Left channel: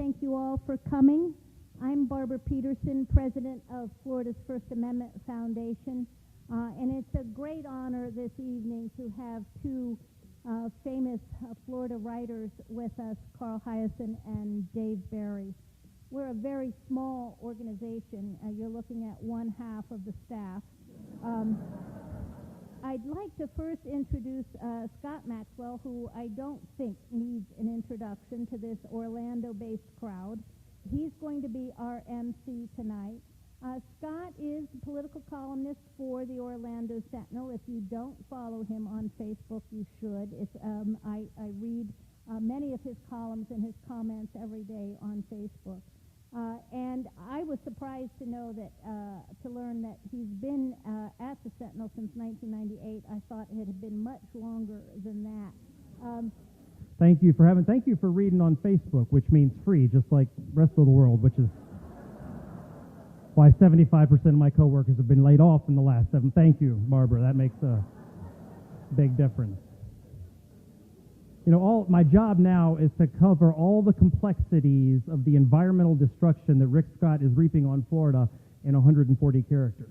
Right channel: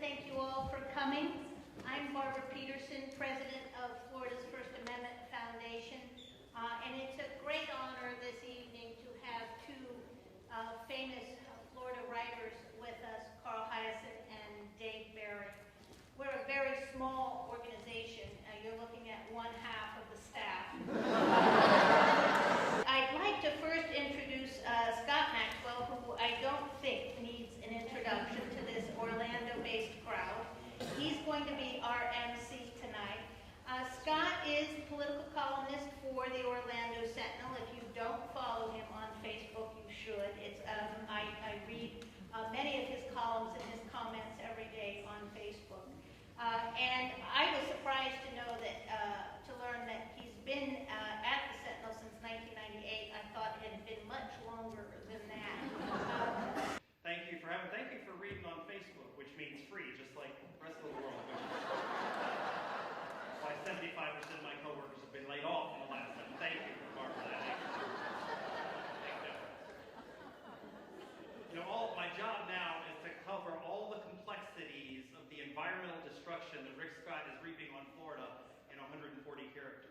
thank you all for coming. I'm Barbara Peterson, president of Florida's First Amendment Foundation, and it's a great honor this evening to have two famous Florida writers with us, Carl Hiaasen and Dave Barry. We're a very small organization. You're looking at one half of the staff. I'd like to first introduce Scott Maxwell, who I don't think needs an introduction to this Orlando-based crowd. He's going to be our MC tonight. Scott is a political columnist for the Orlando Sentinel. If you don't follow him on Facebook, you should. I read many of his columns and his comments every day on Facebook. And I was surprised to know that, to learn that he's been at the Sentinel since 1998. I thought it had been much longer than that. Thank you for reading on Facebook, which means free, just like the rest of the world, which is why 75% of my coworkers have been laid off in the last 7. Thank you, Barbara. That makes a big difference. You know, my job now is to cover all the complexities of the environmental destruction that Rick Scott is reaping on Florida in 140 characters.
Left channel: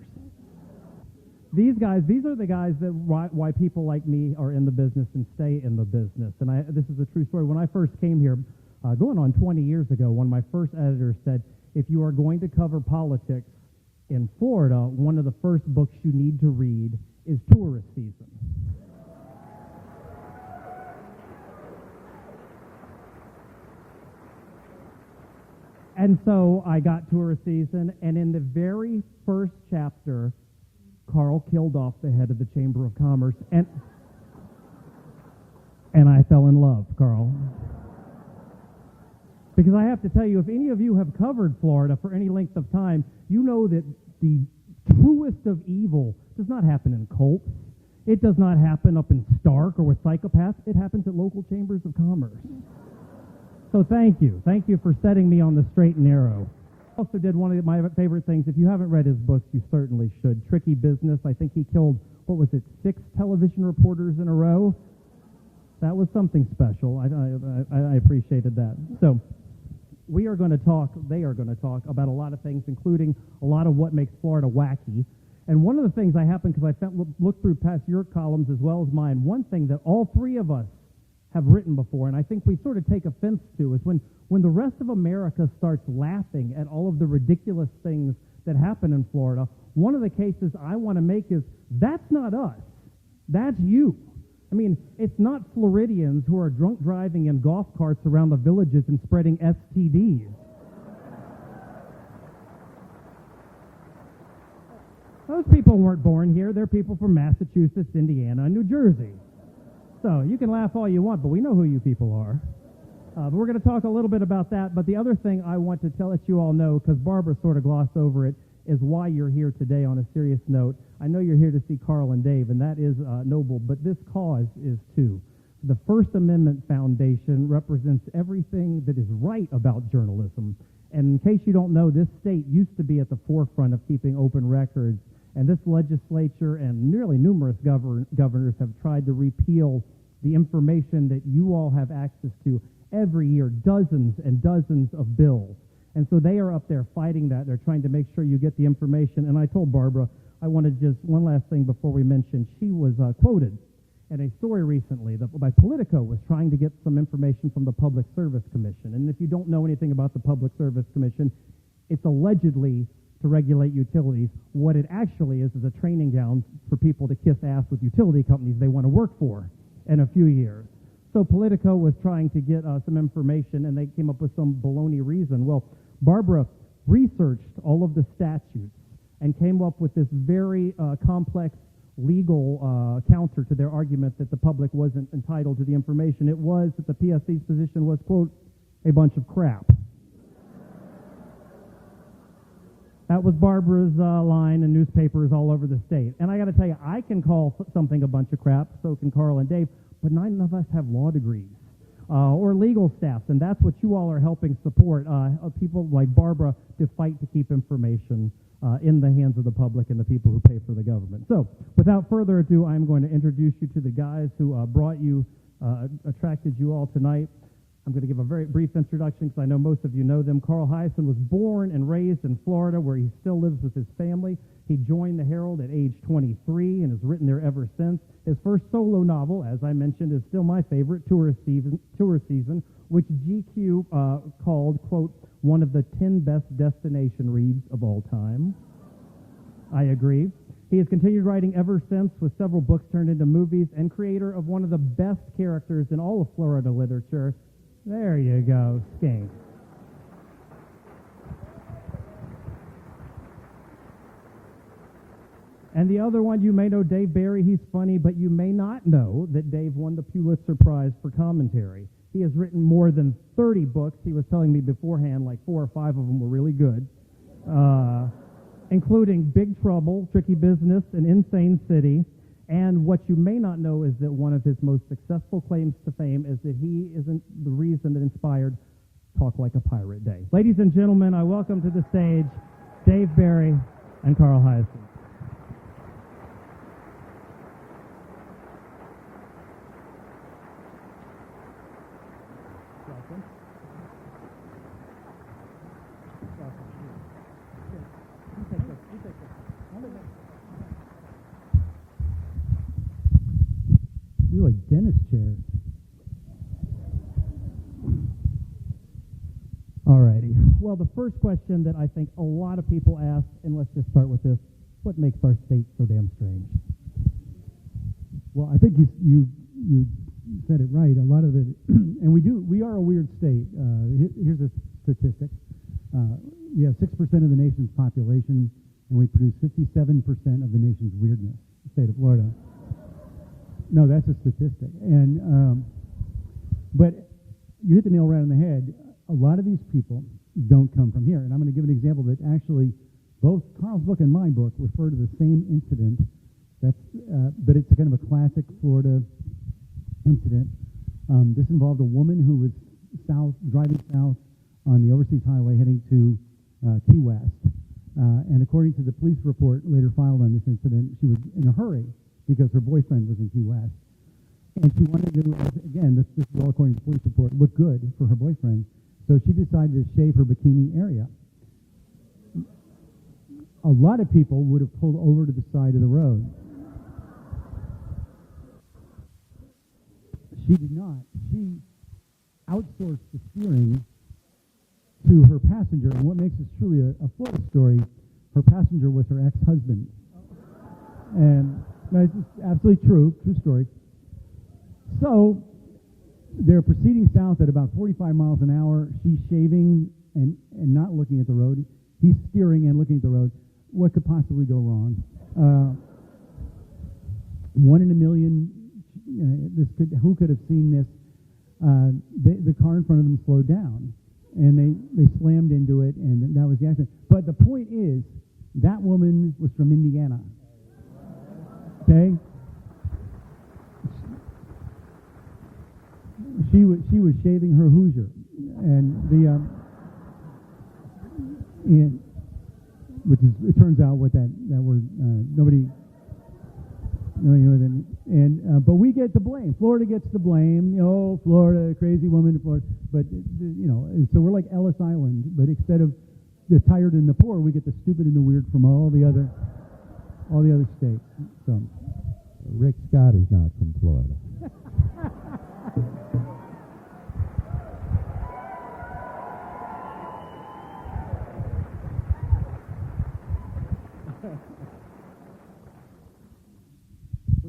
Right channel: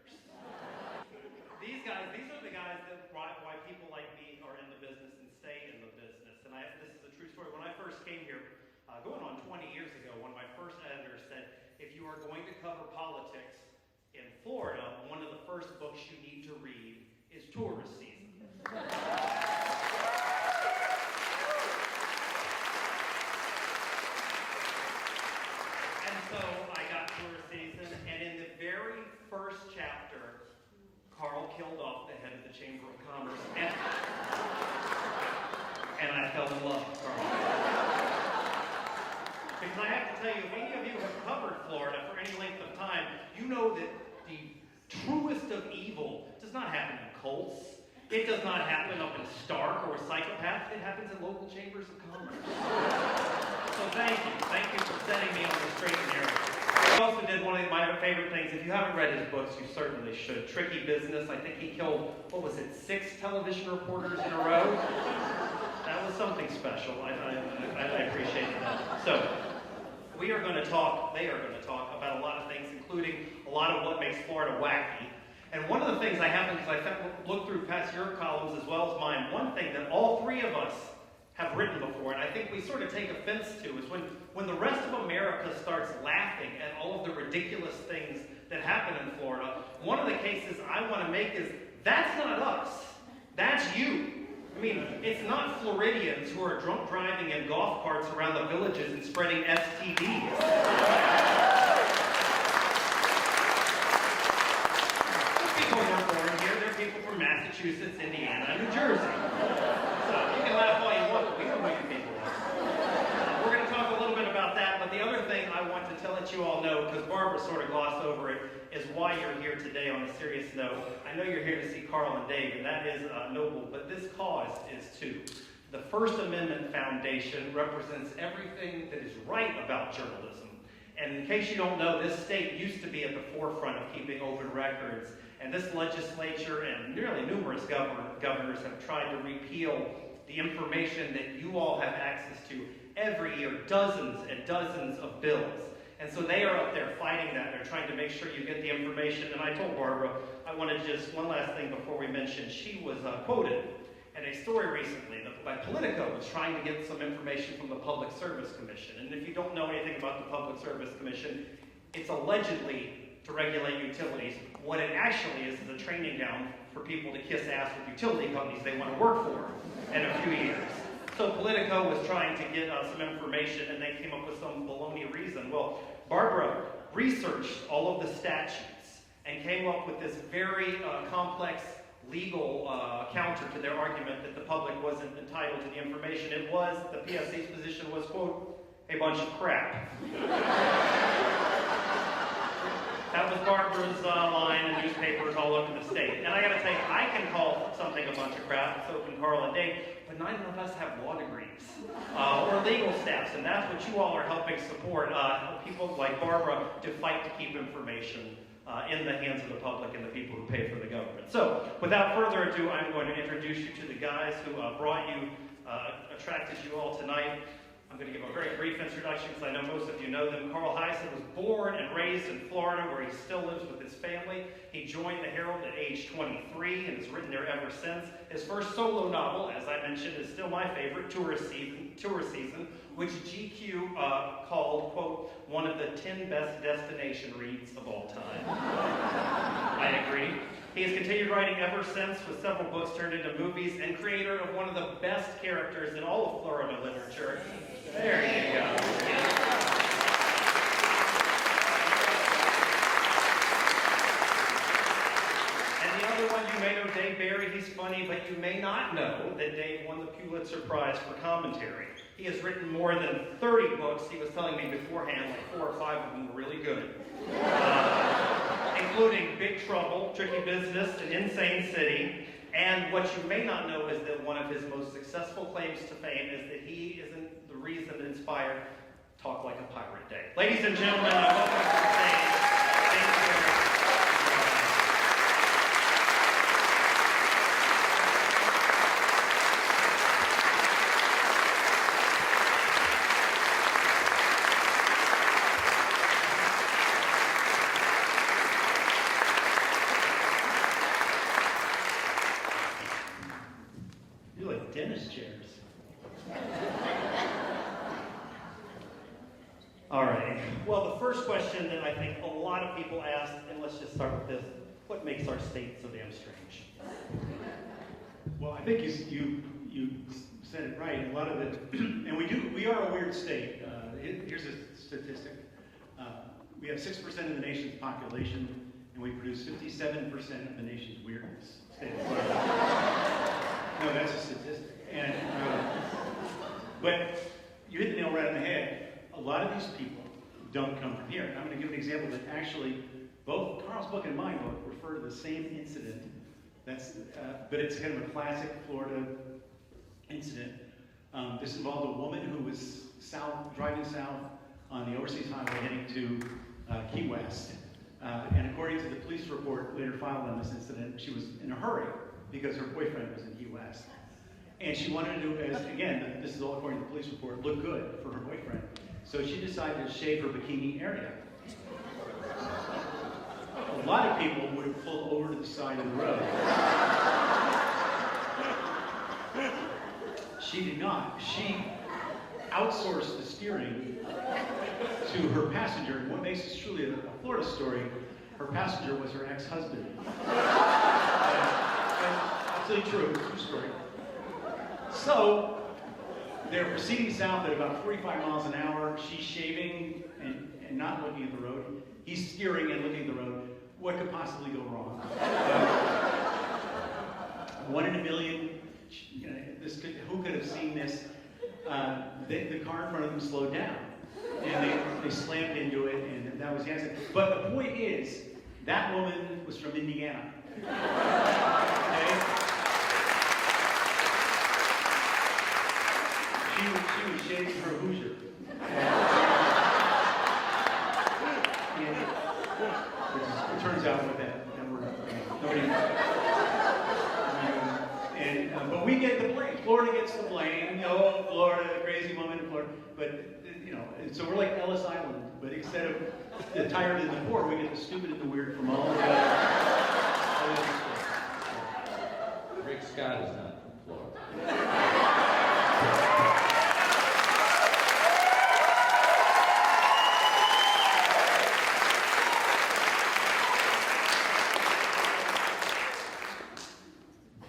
These are the guys that why people like me are in the business and stay in the business. And this is a true story. When I first came here, going on 20 years ago, one of my first editors said, if you are going to cover politics in Florida, one of the first books you need to read is Tourist Season. And so I got Tourist Season, and in the very first chapter, Carl killed off the head of the Chamber of Commerce, and I fell in love, Carl. Because I have to tell you, if any of you have covered Florida for any length of time, you know that the truest of evil does not happen in cults. It does not happen up in Stark or Psychopaths. It happens at local chambers of commerce. So thank you. Thank you for setting me on the straight and narrow. I also did one of my favorite things. If you haven't read his books, you certainly should. Tricky Business. I think he killed, 6 television reporters in a row? That was something special. I appreciated that. So they are going to talk about a lot of things, including a lot of what makes Florida wacky. And one of the things I happened, because I looked through past your columns as well as mine, one thing that all three of us have written before, and I think we sort of take offense to, is when the rest of America starts laughing at all of the ridiculous things that happen in Florida, one of the cases I want to make is, that's not us. That's you. I mean, it's not Floridians who are drunk driving in golf carts around the villages and spreading STDs. Those people weren't born here. They're people from Massachusetts, Indiana, and New Jersey. So you can laugh all you want, but we know who you people are. We're going to talk a little bit about that, but the other thing I want to let you all know, because Barbara sort of glossed over it, is why you're here today on a serious note. I know you're here to see Carl and Dave, and that is noble, but this cause is too. The First Amendment Foundation represents everything that is right about journalism. And in case you don't know, this state used to be at the forefront of keeping open records, and this legislature and nearly numerous governors have tried to repeal the information that you all have access to every year, dozens and dozens of bills. And so they are up there fighting that. They're trying to make sure you get the information. And I told Barbara, I want to just, one last thing before we mention, she was quoted in a story recently that by Politico was trying to get some information from the Public Service Commission. And if you don't know anything about the Public Service Commission, it's allegedly to regulate utilities. What it actually is a training ground for people to kiss ass with utility companies they want to work for in a few years. So Politico was trying to get some information, and they came up with some baloney reason. Well, Barbara researched all of the statutes and came up with this very complex legal counter to their argument that the public wasn't entitled to the information. It was that the PSC's position was, quote, a bunch of crap. That was Barbara's line in newspapers all over the state. And I gotta tell you, I can call something a bunch of crap, so can Carl and Dave, but none of us have law degrees or legal staffs, and that's what you all are helping support, people like Barbara to fight to keep information in the hands of the public and the people who pay for the government. So, without further ado, I'm going to introduce you to the guys who brought you, attracted you all tonight. I'm going to give a very brief introduction, so I know most of you know them. Carl Hiaasen was born and raised in Florida, where he still lives with his family. He joined the Herald at age 23 and has written there ever since. His first solo novel, as I mentioned, is still my favorite, Tourist Season, which GQ called, quote, one of the 10 best destination reads of all time. I agree. He has continued writing ever since, with several books turned into movies, and creator of one of the best characters in all of Florida literature. There you go, Stan. And the other one, you may know Dave Barry. He's funny, but you may not know that Dave won the Pulitzer Prize for commentary. He has written more than 30 books. He was telling me beforehand, like 4 or 5 of them were really good, including Big Trouble, Tricky Business, and Insane City. And what you may not know is that one of his most successful claims to fame is that he isn't the reason that inspired Talk Like a Pirate Day. Ladies and gentlemen, I welcome to the stage Dave Barry and Carl Hiaasen. You like dentist chairs. All right. Well, the first question that I think a lot of people ask, and let's just start with this: what makes our state so damn strange? Well, I think you said it right. A lot of it, and we are a weird state. Here's a statistic: we have 6% of the nation's population, and we produce 57% of the nation's weirdness. Say it right. No, that's a statistic. And but you hit the nail right on the head. A lot of these people don't come from here. And I'm going to give an example that actually both Carl's book and my book refer to the same incident. But it's kind of a classic Florida incident. This involved a woman who was driving south on the overseas highway heading to Key West. And according to the police report later filed on this incident, she was in a hurry because her boyfriend was in Key West. And she wanted to, again, this is all according to the police report, look good for her boyfriend. So she decided to shave her bikini area. A lot of people would have pulled over to the side of the road. She did not. She outsourced the steering to her passenger. And what makes this truly a Florida story, her passenger was her ex-husband. That's absolutely true story. So they're proceeding south at about 45 miles an hour. She's shaving and not looking at the road. He's steering and looking at the road. What could possibly go wrong? 1 in a million. Who could have seen this? The car in front of them slowed down, and they slammed into it, and that was the accident. But the point is, that woman was from Indiana. Okay? She was shaving her Hoosier. It turns out with that word, but we get the blame. Florida gets the blame. Oh, Florida, crazy woman, Florida. But, and so we're like Ellis Island, but instead of the tired and the poor, we get the stupid and the weird from all the other states. So. Rick Scott is not from Florida.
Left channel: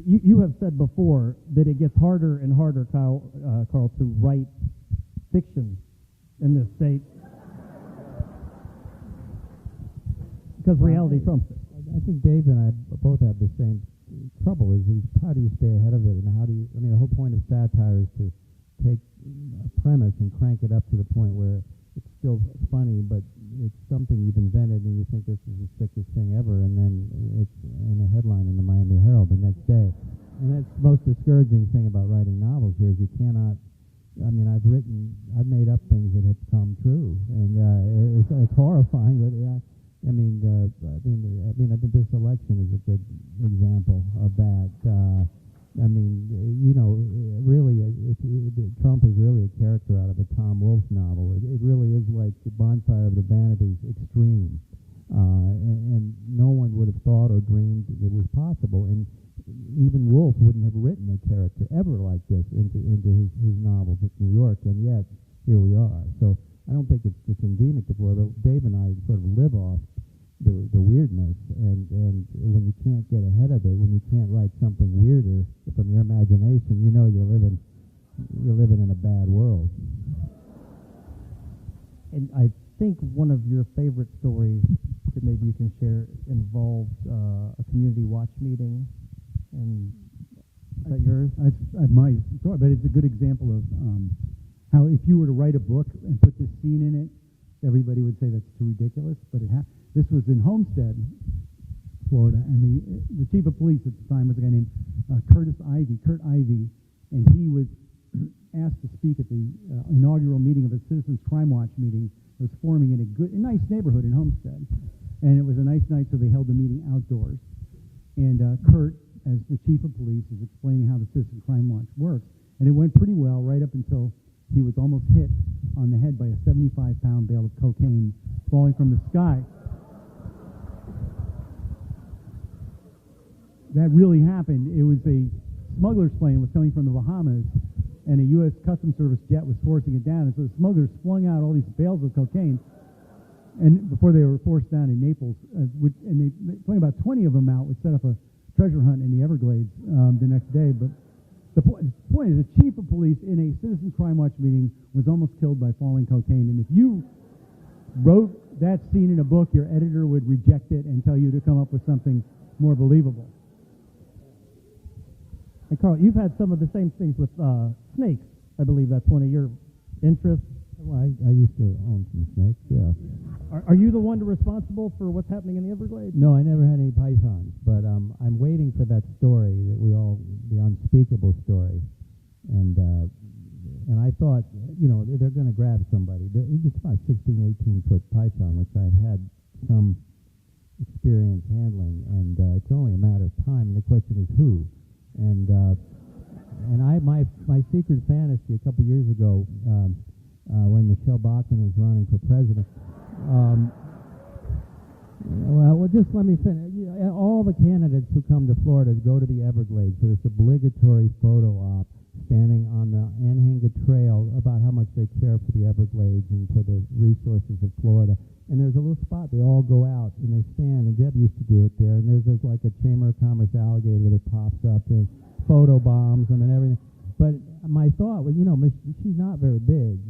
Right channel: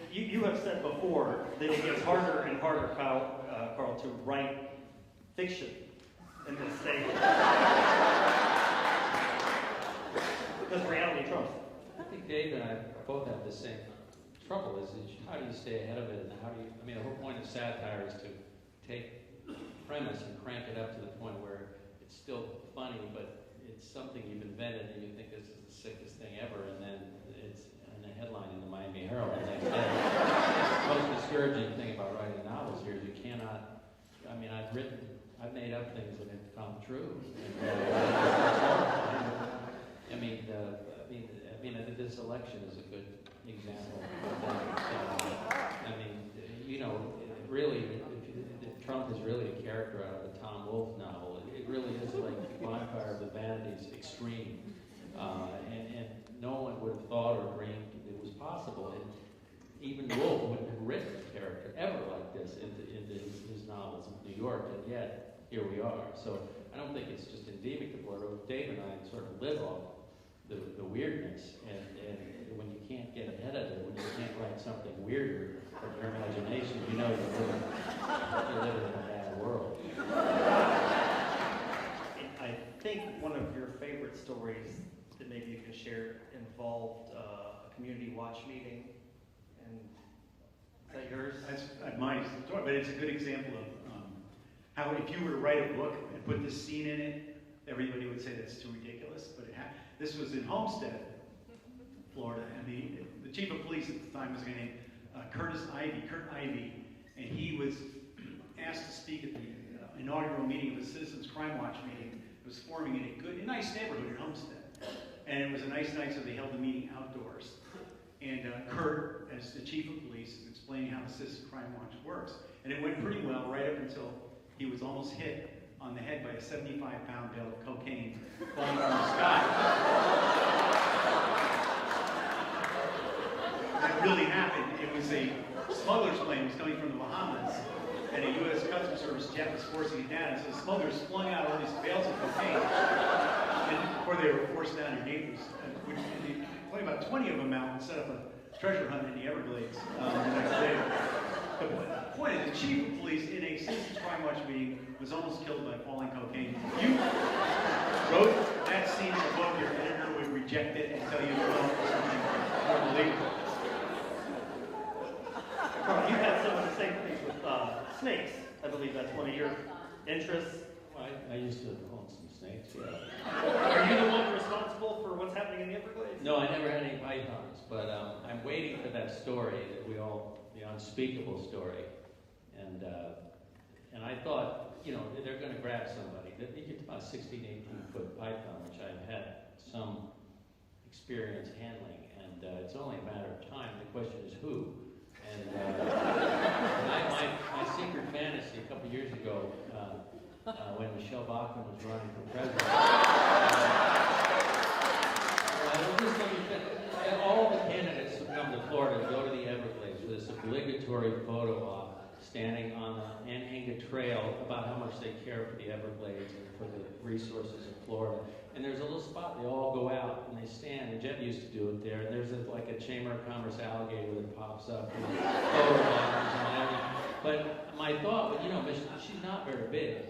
You have said before that it gets harder and harder, Carl, to write fiction in this state because reality trumps. I think Dave and I both have the same trouble. Is how do you stay ahead of it, and how do you? The whole point of satire is to take a premise and crank it up to the point where it's still funny, but it's something you've invented and you think this is the sickest thing ever, and then it's in the headline in the Miami Herald the next day. And that's the most discouraging thing about writing novels here is you cannot. I've made up things that have come true, and it's horrifying. I think this election is a good example of that. Really, Trump is really a character out of a bonfire of the vanities extreme. And no one would have thought or dreamed that it was possible. And even Wolfe wouldn't have written a character ever like this into his novels of New York, and yet here we are. So I don't think it's just endemic to Florida. Dave and I sort of live off the weirdness, and when you can't get ahead of it, when you can't write something weirder from your imagination, you know you're living in a bad world. I think one of your favorite stories that maybe you can share involved a community watch meeting, and is that yours? That's nice, but it's a good example of how if you were to write a book and put this scene in it, everybody would say that's too ridiculous. But this was in Homestead, Florida, and the chief of police at the time was a guy named Kurt Ivey, and he was asked to speak at the inaugural meeting of the Citizens Crime Watch meeting. It was forming in a nice neighborhood in Homestead, and it was a nice night, so they held the meeting outdoors. And Kurt, as the chief of police, is explaining how the Citizens Crime Watch works, and it went pretty well right up until he was almost hit on the head by a 75-pound bale of cocaine falling from the sky. That really happened. It was a smuggler's plane coming from the Bahamas, and a U.S. Customs Service jet was forcing it down. So the smugglers flung out all these bales of cocaine before they were forced down in Naples. And they flung about 20 of them out and set up a treasure hunt in the Everglades the next day. But the point is, the chief of police in a Citizens Crime Watch meeting was almost killed by falling cocaine. And if you wrote that scene in the book, your editor would reject it and tell you to come up with something more believable. Carl, you've had some of the same things with snakes. I believe that's one of your interests. Well, I used to own some snakes, yeah. Are you the one responsible for what's happening in the Everglades? No, I never had any pythons, but I'm waiting for that story, the unspeakable story. And I thought, they're going to grab somebody. It's about 16, 18-foot python, which I've had some experience handling, and it's only a matter of time. The question is who. And my secret fantasy a couple years ago, when Michelle Bachmann was running for president, just let me say, all the candidates who come to Florida go to the Everglades for this obligatory photo op, standing on the Nanhanga Trail about how much they care for the Everglades and for the resources of Florida. And there's a little spot they all go out and they stand, and Jeff used to do it there, and there's like a Chamber of Commerce alligator that pops up and photo bombs and everything. But my thought was, she's not very big.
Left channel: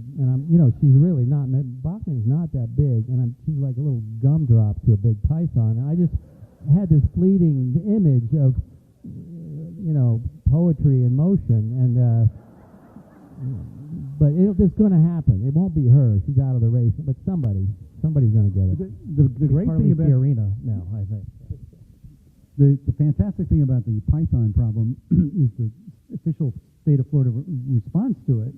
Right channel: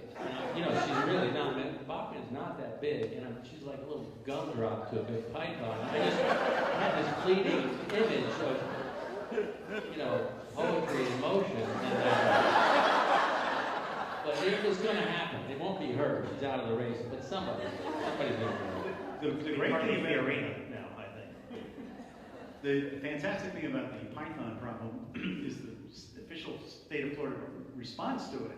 She's really not. Bachmann is not that big, and she's like a little gumdrop to a big python. And I just had this fleeting image of, poetry in motion, and but it's going to happen. It won't be her. She's out of the race, but somebody's going to do it. The great thing about the arena now, I think. The fantastic thing about the python problem is the official state of Florida response to it,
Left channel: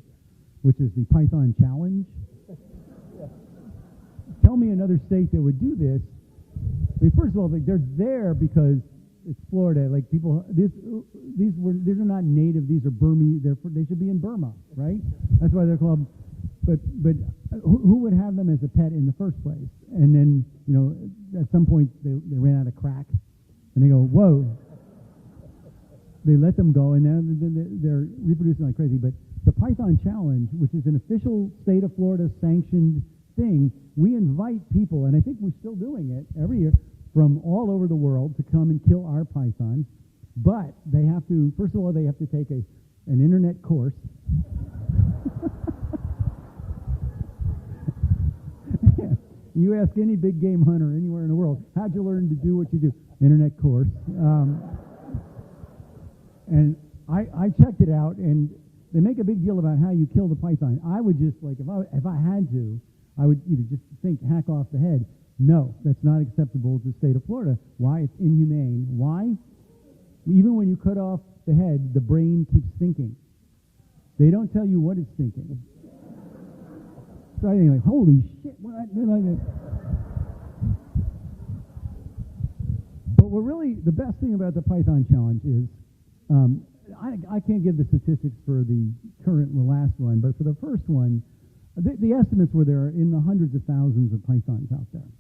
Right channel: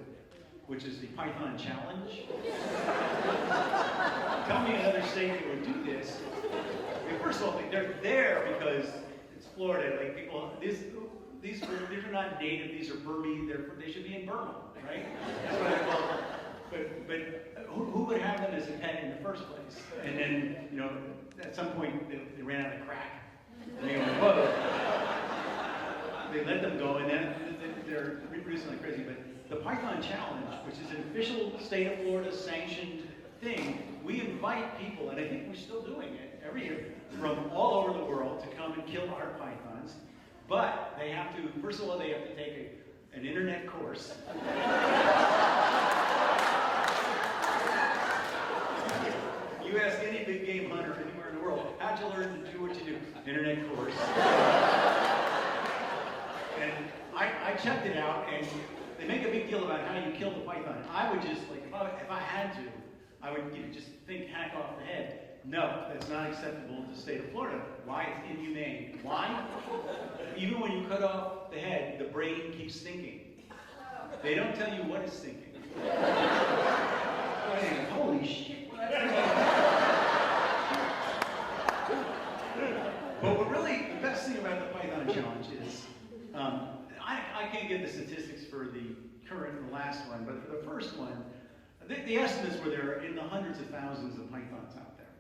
which is the Python Challenge. Tell me another state that would do this. Well, first of all, they're there because it's Florida. Like people, these are not native. These are Burmese. They should be in Burma, right? That's why they're called. But who would have them as a pet in the first place? And then at some point they ran out of crack, and they go, whoa. They let them go, and then they're reproducing like crazy. But the Python Challenge, which is an official state of Florida sanctioned thing, we invite people, and I think we're still doing it every year, from all over the world to come and kill our pythons. But they have to, first of all, they have to take an internet course. You ask any big game hunter anywhere in the world, how'd you learn to do what you do? Internet course. And I checked it out, and they make a big deal about how you kill the python. I would just, if I had to, I would just think hack off the head. No, that's not acceptable to the state of Florida. Why? It's inhumane. Why? Even when you cut off the head, the brain keeps thinking. They don't tell you what it's thinking. Holy shit. But really, the best thing about the Python Challenge is, I can't give the statistics for the last one, but for the first one, The estimates were there in the hundreds of thousands of pythons out there.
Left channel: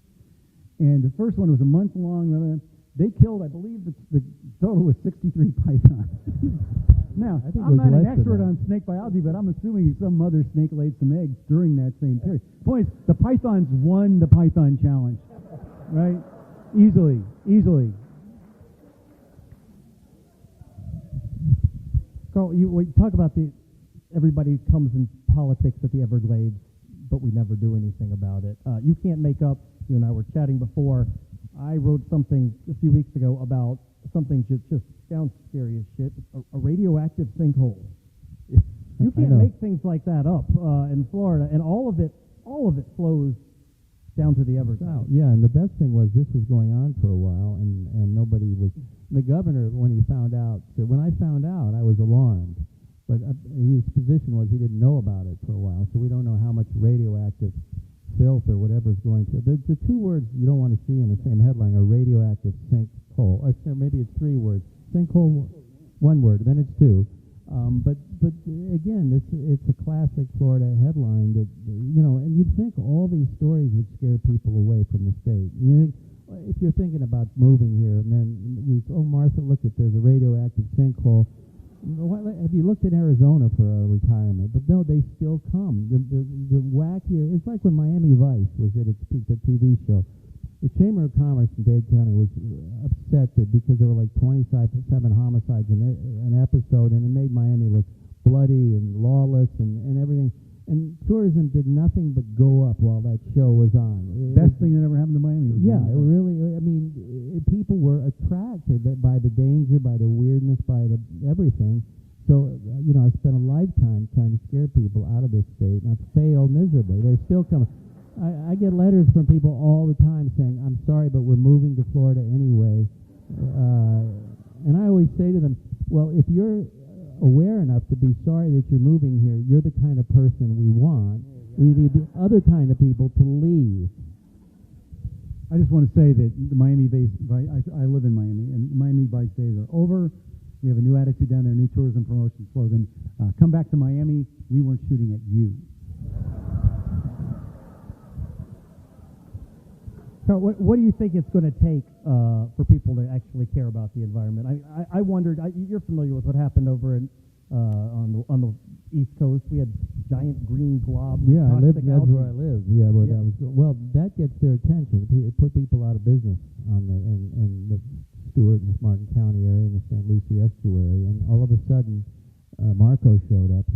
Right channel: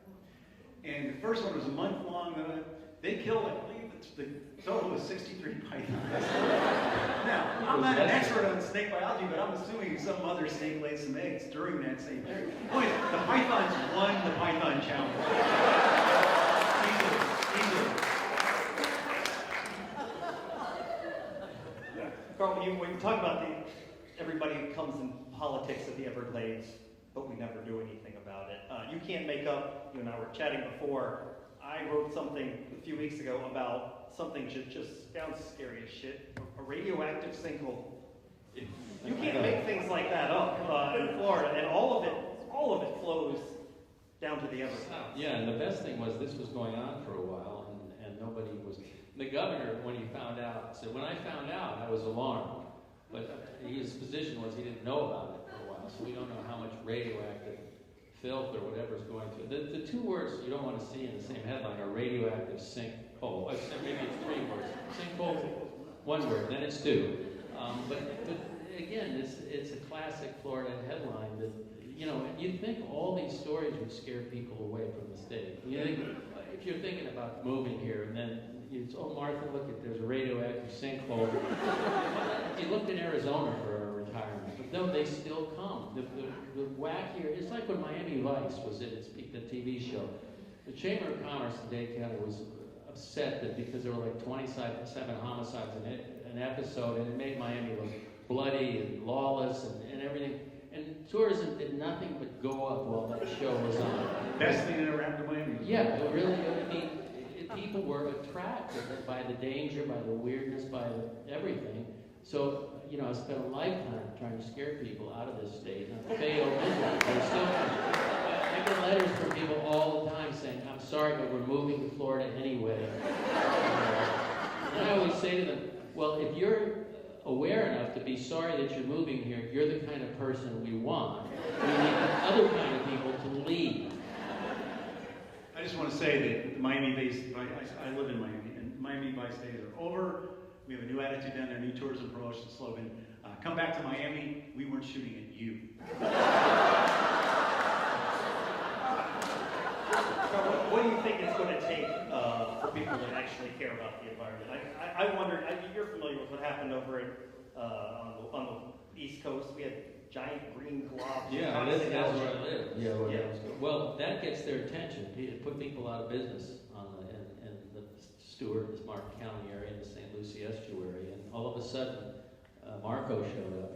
And the first one was a month long. They killed, I believe, the total was 63 pythons. Now, I'm not an expert on snake biology, but I'm assuming some mother snake laid some eggs during that same period. Boy, the pythons won the Python Challenge. Easily. So we talk about everybody comes in politics at the Everglades, but we never do anything about it. You can't make up, we're chatting before. I wrote something a few weeks ago about something just sounds scary as shit, a radioactive sinkhole. You can't make things like that up in Florida, and all of it flows down to the Everglades. Yeah, and the best thing was this was going on for a while, and nobody was. The governor, when he found out, said, when I found out, I was alarmed. But his position was he didn't know about it for a while, so we don't know how much radioactive filth or whatever is going through. The two words you don't want to see in the same headline are radioactive sinkhole. Maybe it's three words. Sinkhole, one word, then it's two. But again, it's a classic Florida headline that, and you'd think all these stories would scare people away from the state. If you're thinking about moving here, and then Martha, look, there's a radioactive sinkhole. Have you looked in Arizona for a retirement? But no, they still come. The wackier, it's like when Miami Vice was at its peak, the TV show. The Chamber of Commerce in Dade County was upset that because there were like 27 homicides in an episode, and it made Miami look bloody and lawless and everything. And tourism did nothing but go up while that show was on. Best thing that ever happened to Miami. Yeah, it really. People were attracted by the danger, by the weirdness, by everything. So, I spent a lifetime trying to scare people out of this state, and I failed miserably. I still can't. I get letters from people all the time saying, I'm sorry, but we're moving to Florida anyway. And I always say to them, well, if you're aware enough to be sorry that you're moving here, you're the kind of person we want. We need the other kind of people to leave. I just want to say that Miami-based, I live in Miami, and Miami Vice days are over. We have a new attitude down there, new tourism promotion slogan. Come back to Miami, we weren't shooting at you. So what do you think it's going to take for people to actually care about the environment? I wondered, you're familiar with what happened over on the East Coast. We had giant green blobs. Yeah, that's where I live. Yeah. Well, that gets their attention. It put people out of business in the Stewart and Martin County area and the St. Lucie estuary. And all of a sudden, Marco showed up.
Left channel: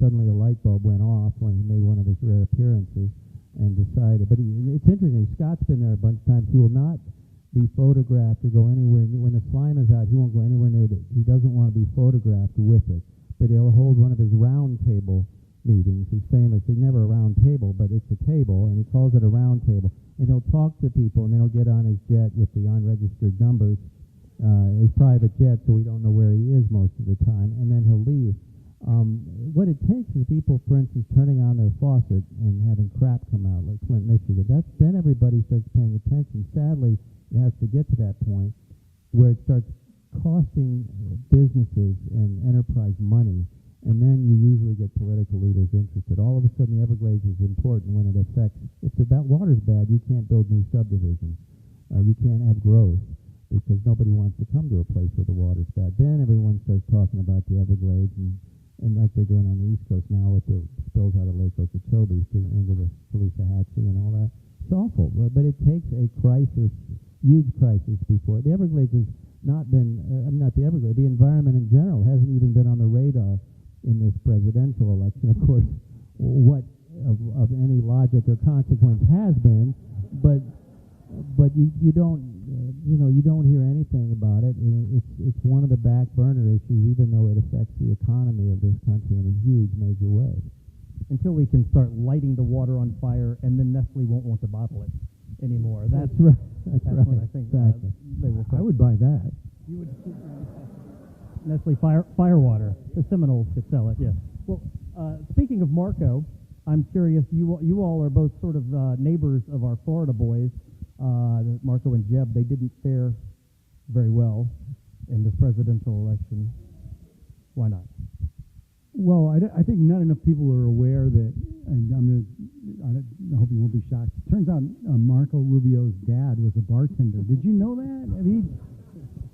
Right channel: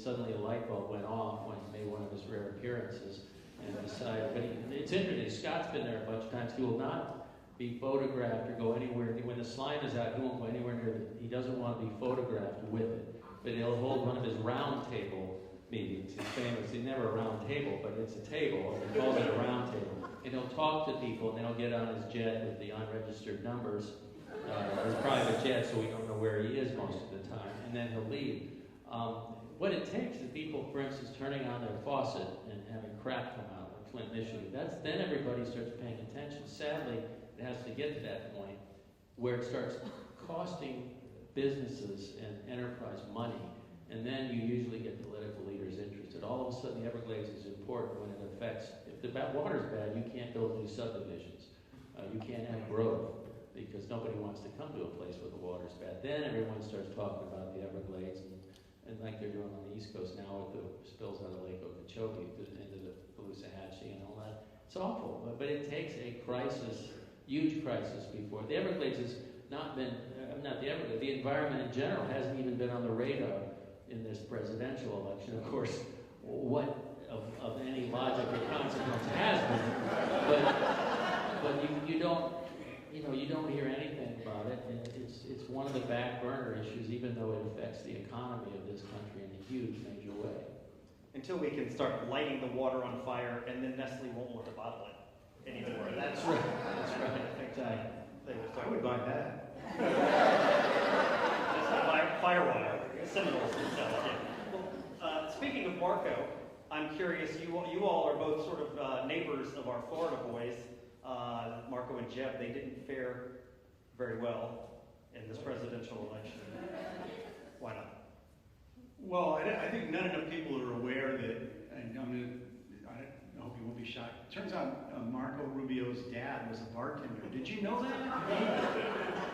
Suddenly a light bulb went off when he made one of his rare appearances and decided. But it's interesting. Scott's been there a bunch of times. He will not be photographed or go anywhere. When the slime is out, he won't go anywhere near it. He doesn't want to be photographed with it. But he'll hold one of his round table meetings. He's famous. He's never a round table, but it's a table, and he calls it a round table. And he'll talk to people, and they'll get on his jet with the unregistered numbers, his private jet, so we don't know where he is most of the time, and then he'll leave. What it takes is people, for instance, turning on their faucet and having crap come out in Flint, Michigan. Then everybody starts paying attention. Sadly, it has to get to that point where it starts costing businesses and enterprise money, and then you usually get political leaders interested. All of a sudden, the Everglades is important when it affects. If the water's bad, you can't build new subdivisions. You can't have growth because nobody wants to come to a place where the water's bad. Then everyone starts talking about the Everglades and like they're doing on the East Coast now with the spills out of Lake Okeechobee into the Caloosahatchee and all that. It's awful, but it takes a crisis, huge crisis before. The Everglades has not been, not the Everglades, the environment in general hasn't even been on the radar in this presidential election. Of course, what of any logic or consequence has been, but you don't hear anything about it, and it's one of the back burner issues, even though it affects the economy of this country in a huge, major way. Until we can start lighting the water on fire, and then Nestle won't want to bottle it anymore. That's right. Exactly. I would buy that. Nestle fire water. It's some of those to sell. Yeah. Well, speaking of Marco, I'm curious. You all are both sort of neighbors of our Florida boys. Marco and Jeb, they didn't fare very well in this presidential election. Why not? Well, I think not enough people are aware that I hope you won't be shocked. Turns out Marco Rubio's dad was a bartender. Did you know that? I mean,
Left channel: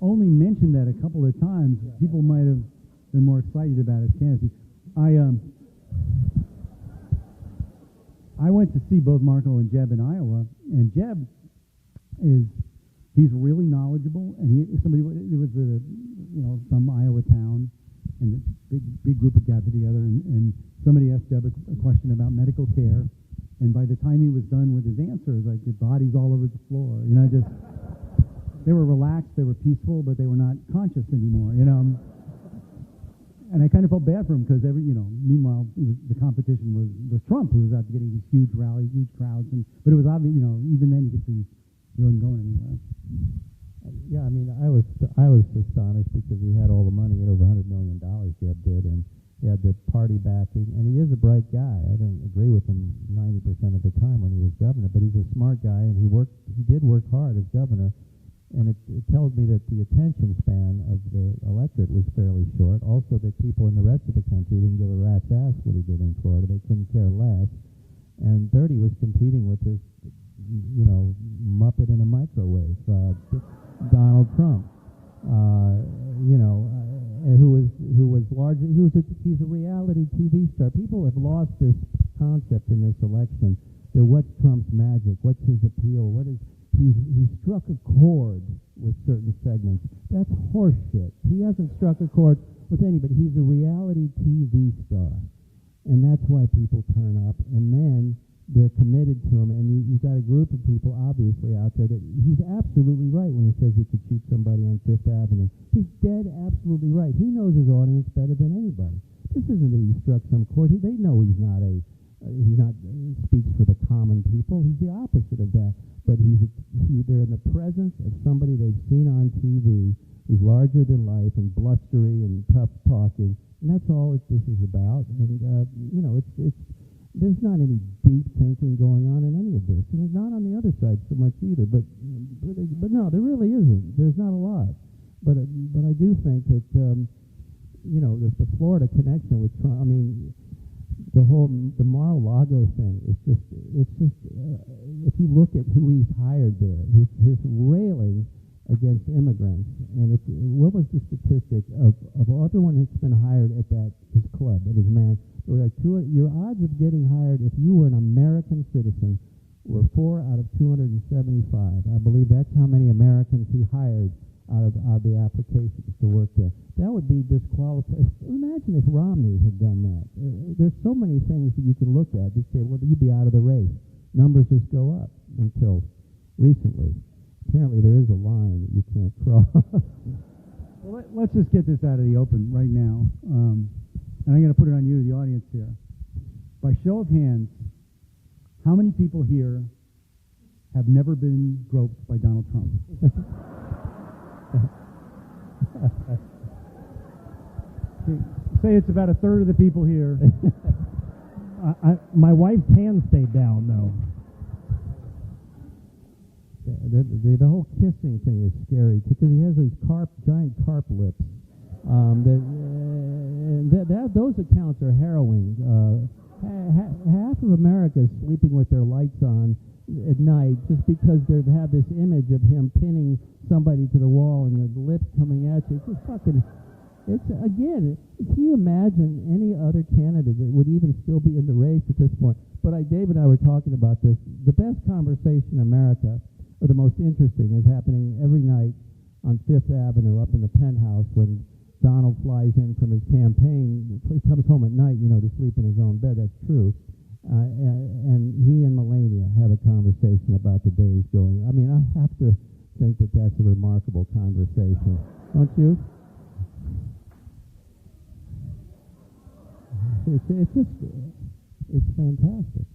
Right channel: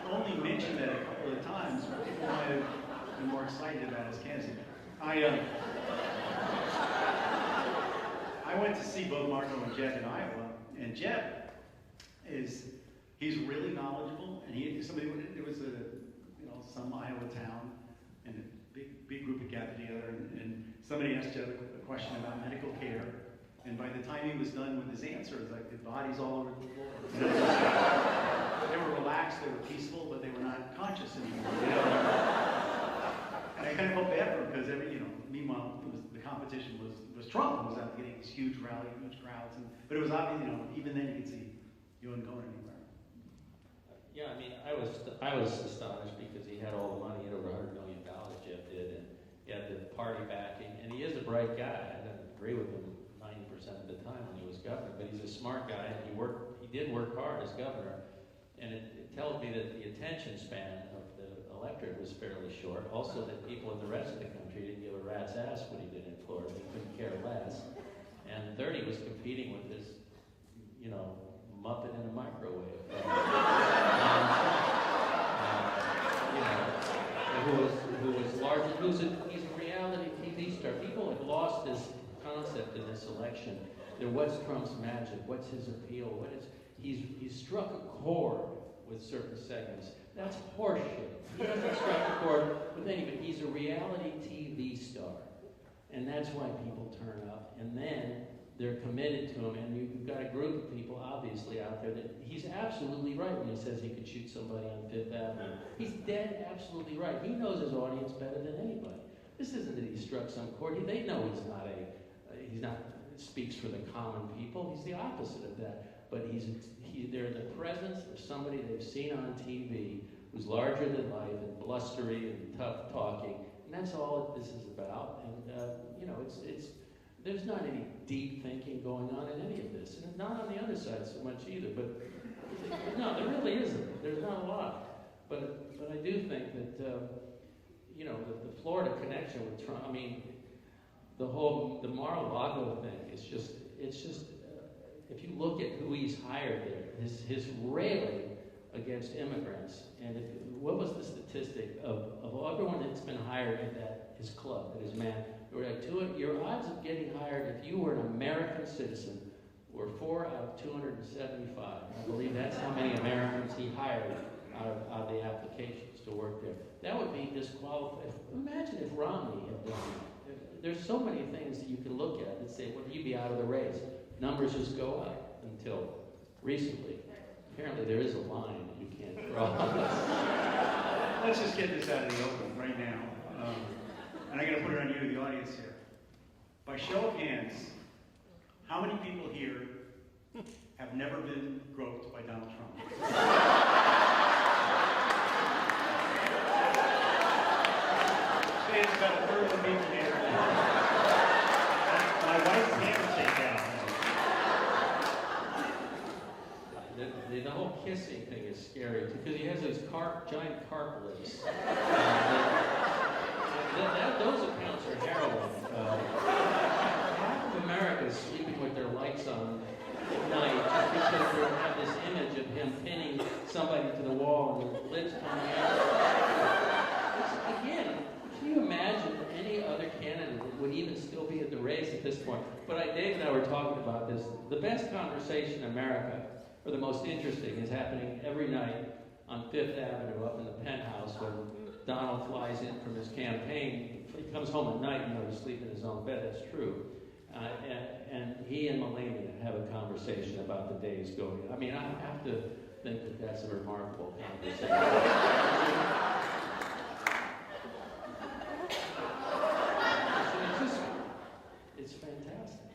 only mentioned that a couple of times. People might have been more excited about his candidacy. I went to see both Marco and Jeb in Iowa, and Jeb he's really knowledgeable, and there was some Iowa town, and a big group of gathered together, and somebody asked Jeb a question about medical care, and by the time he was done with his answer, the bodies all over the floor. They were relaxed, they were peaceful, but they were not conscious anymore. And I kind of felt bad for him because meanwhile the competition was Trump, who was out getting these huge rallies, huge crowds, but it was obvious, even then you could see he wasn't going anywhere. Yeah, I mean, I was astonished because he had all the money, over $100 million, Jeb did, and he had the party backing, and he is a bright guy. I didn't agree with him 90% of the time when he was governor, but he's a smart guy, and he did work hard as governor, and it tells me that the attention span of the electorate was fairly short. Also, that people in the rest of the country didn't give a rat's ass what he did in Florida. They couldn't care less. And third, he was competing with this, muppet in a microwave, Donald Trump. He's a reality TV star. People have lost this concept in this election. That what's Trump's magic? What's his appeal? He's struck a chord with certain segments. That's horseshit. He hasn't struck a chord with anybody. He's a reality TV star. And that's why people turn up. And then they're committed to him. And you've got a group of people, obviously, out there that he's absolutely right when he says he could shoot somebody on Fifth Avenue. He's dead absolutely right. He knows his audience better than anybody. This isn't that he struck some chord. They know he's not speaks for the common people. He's the opposite of that. But they're in the presence of somebody they've seen on TV who's larger than life and blustery and tough talking, and that's all this is about. And there's not any deep thinking going on in any of this, and it's not on the other side so much either. But no, there really isn't. There's not a lot. But I do think that with the Florida connection with Trump, I mean, the Mar-a-Lago thing. It's just. If you look at who he's hired there, his railing against immigrants, and what was the statistic of everyone that's been hired at his club, at his man? Your odds of getting hired if you were an American citizen were 4 out of 275. I believe that's how many Americans he hired out of the applications to work there. That would be disqualified. Imagine if Romney had done that. There's so many things that you can look at that say, well, you'd be out of the race. Numbers just go up until recently. Apparently there is a line you can't cross. Let's just get this out of the open right now. I'm going to put it on you, the audience here. By show of hands, how many people here have never been groped by Donald Trump? Say it's about a third of the people here. My wife's hand stayed down now. The whole kissing thing is scary because he has those giant carp lips. Those accounts are harrowing. Half of America is sleeping with their lights on at night just because they have this image of him pinning somebody to the wall and the lips coming out. Again, can you imagine any other candidate that would even still be in the race at this point? But Dave and I were talking about this. The best conversation in America, or the most interesting, is happening every night on Fifth Avenue up in the penthouse when Donald flies in from his campaign. He comes home at night, to sleep in his own bed. That's true. And he and Melania have a conversation about the days going. I mean, I have to think that that's a remarkable conversation. Don't you? It's fantastic.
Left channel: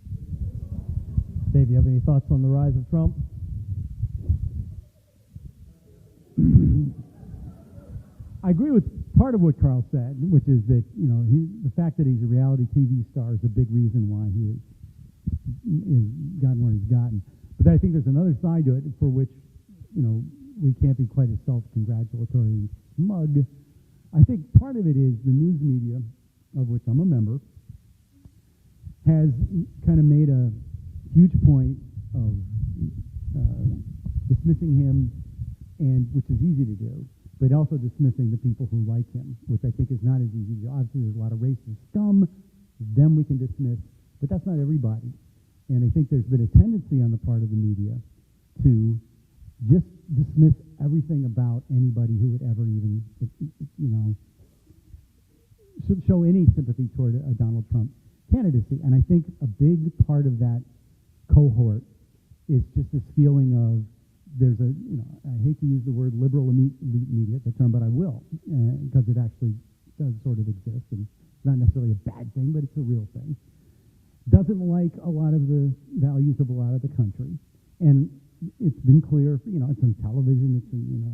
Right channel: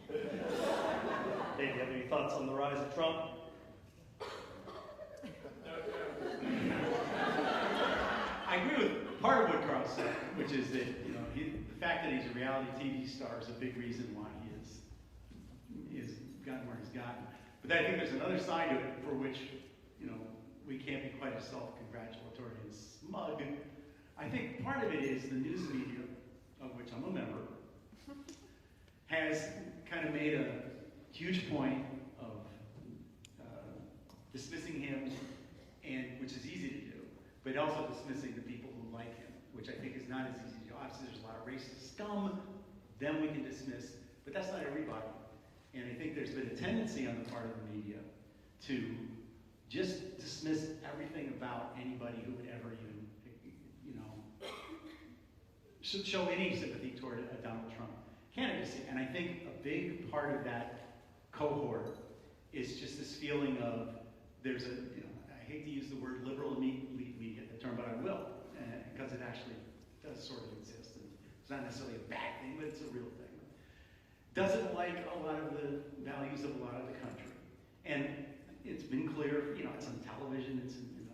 Dave, do you have any thoughts on the rise of Trump? I agree with part of what Carl said, which is that the fact that he's a reality TV star is a big reason why he is gotten where he's gotten. But I think there's another side to it for which we can't be quite as self-congratulatory and smug. I think part of it is the news media, of which I'm a member, has kind of made a huge point of dismissing him, and which is easy to do, but also dismissing the people who like him, which I think is not as easy. Obviously, there's a lot of racist scum, them we can dismiss, but that's not everybody. And I think there's been a tendency on the part of the media to just dismiss everything about anybody who would ever even, show any sympathy toward a Donald Trump candidacy. And I think a big part of that cohort is just this feeling of there's a, I hate to use the word liberal elite media, the term, but I will, because it actually does sort of exist, and it's not necessarily a bad thing, but it's a real thing. Doesn't like a lot of the values of a lot of the country, and it's been clear, it's on television, it's in,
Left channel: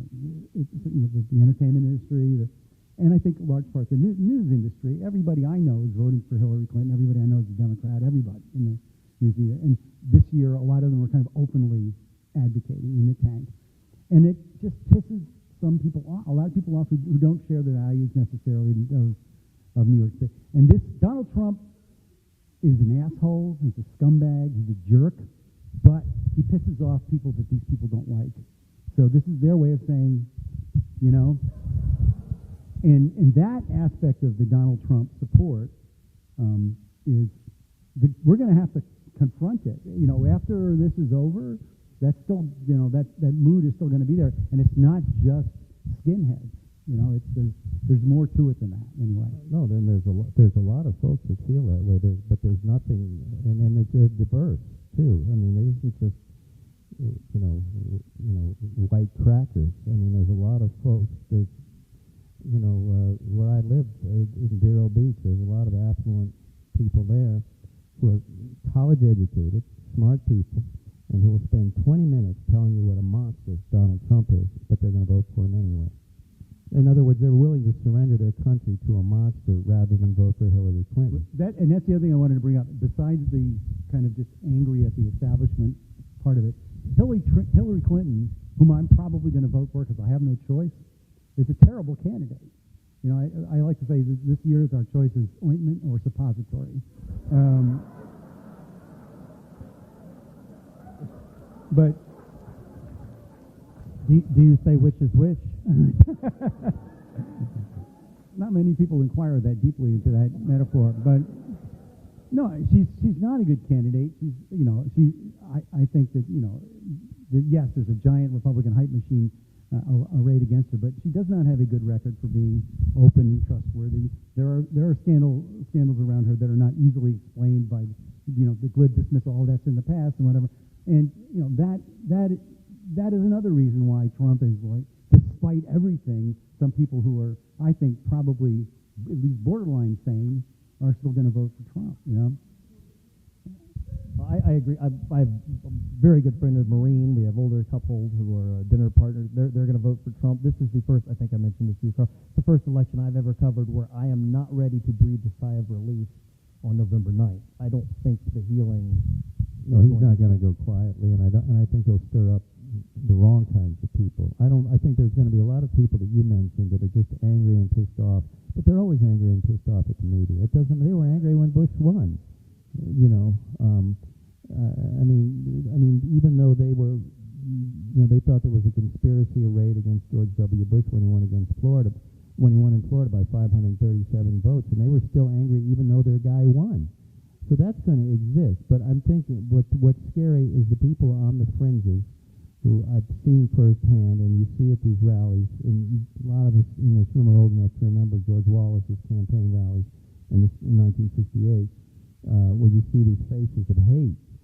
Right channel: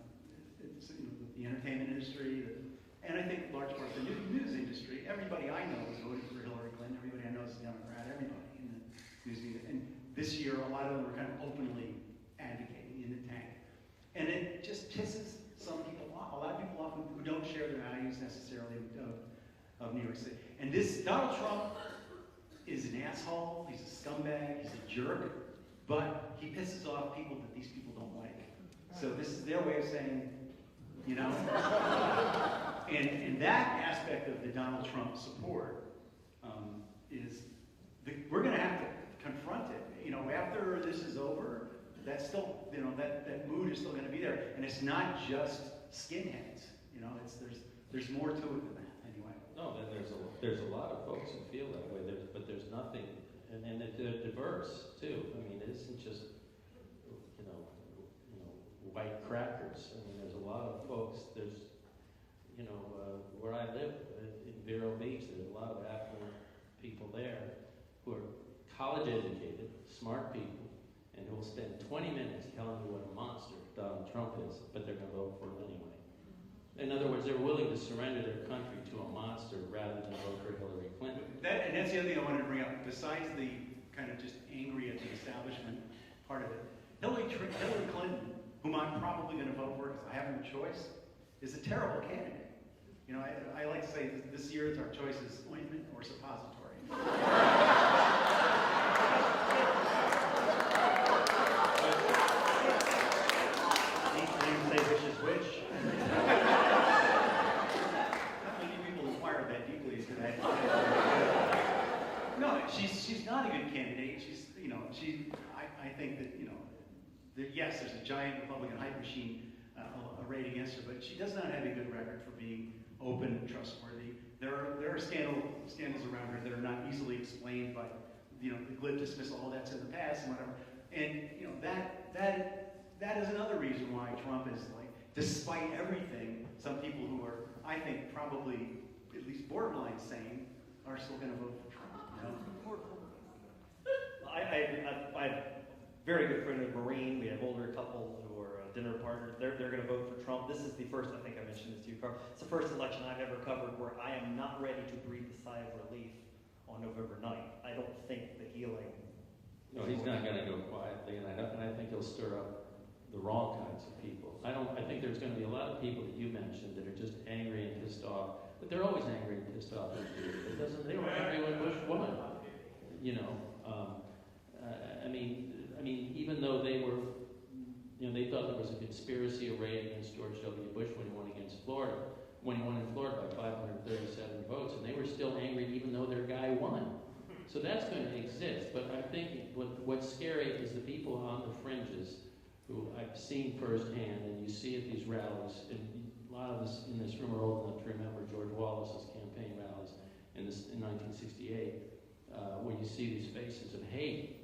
the entertainment industry, and I think large parts of the news industry. Everybody I know has voted for Hillary Clinton. Everybody I know is a Democrat. Everybody in the news media. And this year, a lot of them are kind of openly advocating in the tank. And it just pisses some people off, a lot of people off who don't share the values necessarily of New York City. And this Donald Trump is an asshole, he's a scumbag, he's a jerk, but he pisses off people that these people don't like. So this is their way of saying, and that aspect of the Donald Trump support is, we're going to have to confront it. After this is over, that's still, that mood is still going to be there, and it's not just skinheads. There's more to it than that. Anyway. No, then there's a lot of folks that feel that way, but there's nothing, and they're diverse too. I mean, it isn't just white crackers. I mean, there's a lot of folks. There's where I live in Vero Beach, there's a lot of affluent people there who are college educated, smart people, and who will spend 20 minutes telling you what a monster Donald Trump is, but they're going to vote for him anyway. In other words, they're willing to surrender their country to a monster rather than vote for Hillary Clinton. And that's the other thing I want to bring up. Besides the kind of just angry at the establishment part of it, Hillary Clinton, whom I'm probably going to vote for because I have no choice, is a terrible candidate. I like to say this year our choice is ointment or suppository. But do you say which is which? Not many people inquire that deeply into that. But no, she's not a good candidate. I think that yes, there's a giant Republican hype machine arrayed against her, but she does not have a good record for being open and trustworthy. There are scandals around her that are not easily explained by the glib dismissal, all that's in the past and whatever. And that is another reason why Trump is despite everything, some people who are, I think, probably at least borderline sane are still going to vote for Trump. I have a very good friend of Marine. We have older couple who are dinner partners. They're going to vote for Trump. This is the first, I think I mentioned this to you, Carl. It's the first election I've ever covered where I am not ready to breathe a sigh of relief on November 9th. I don't think the healing... No, he's not going to go quietly, and I think he'll stir up the wrong kinds of people. I think there's going to be a lot of people that you mentioned that are just angry and pissed off, but they're always angry and pissed off at the media. They were angry when Bush won. Even though they were, they thought there was a conspiracy arrayed against George W. Bush when he won in Florida by 537 votes, and they were still angry even though their guy won. So that's going to exist, but I'm thinking what's scary is the people on the fringes who I've seen firsthand, and you see at these rallies, and a lot of us in this room are old enough to remember George Wallace's campaign rallies in 1968, where you see these faces of hate.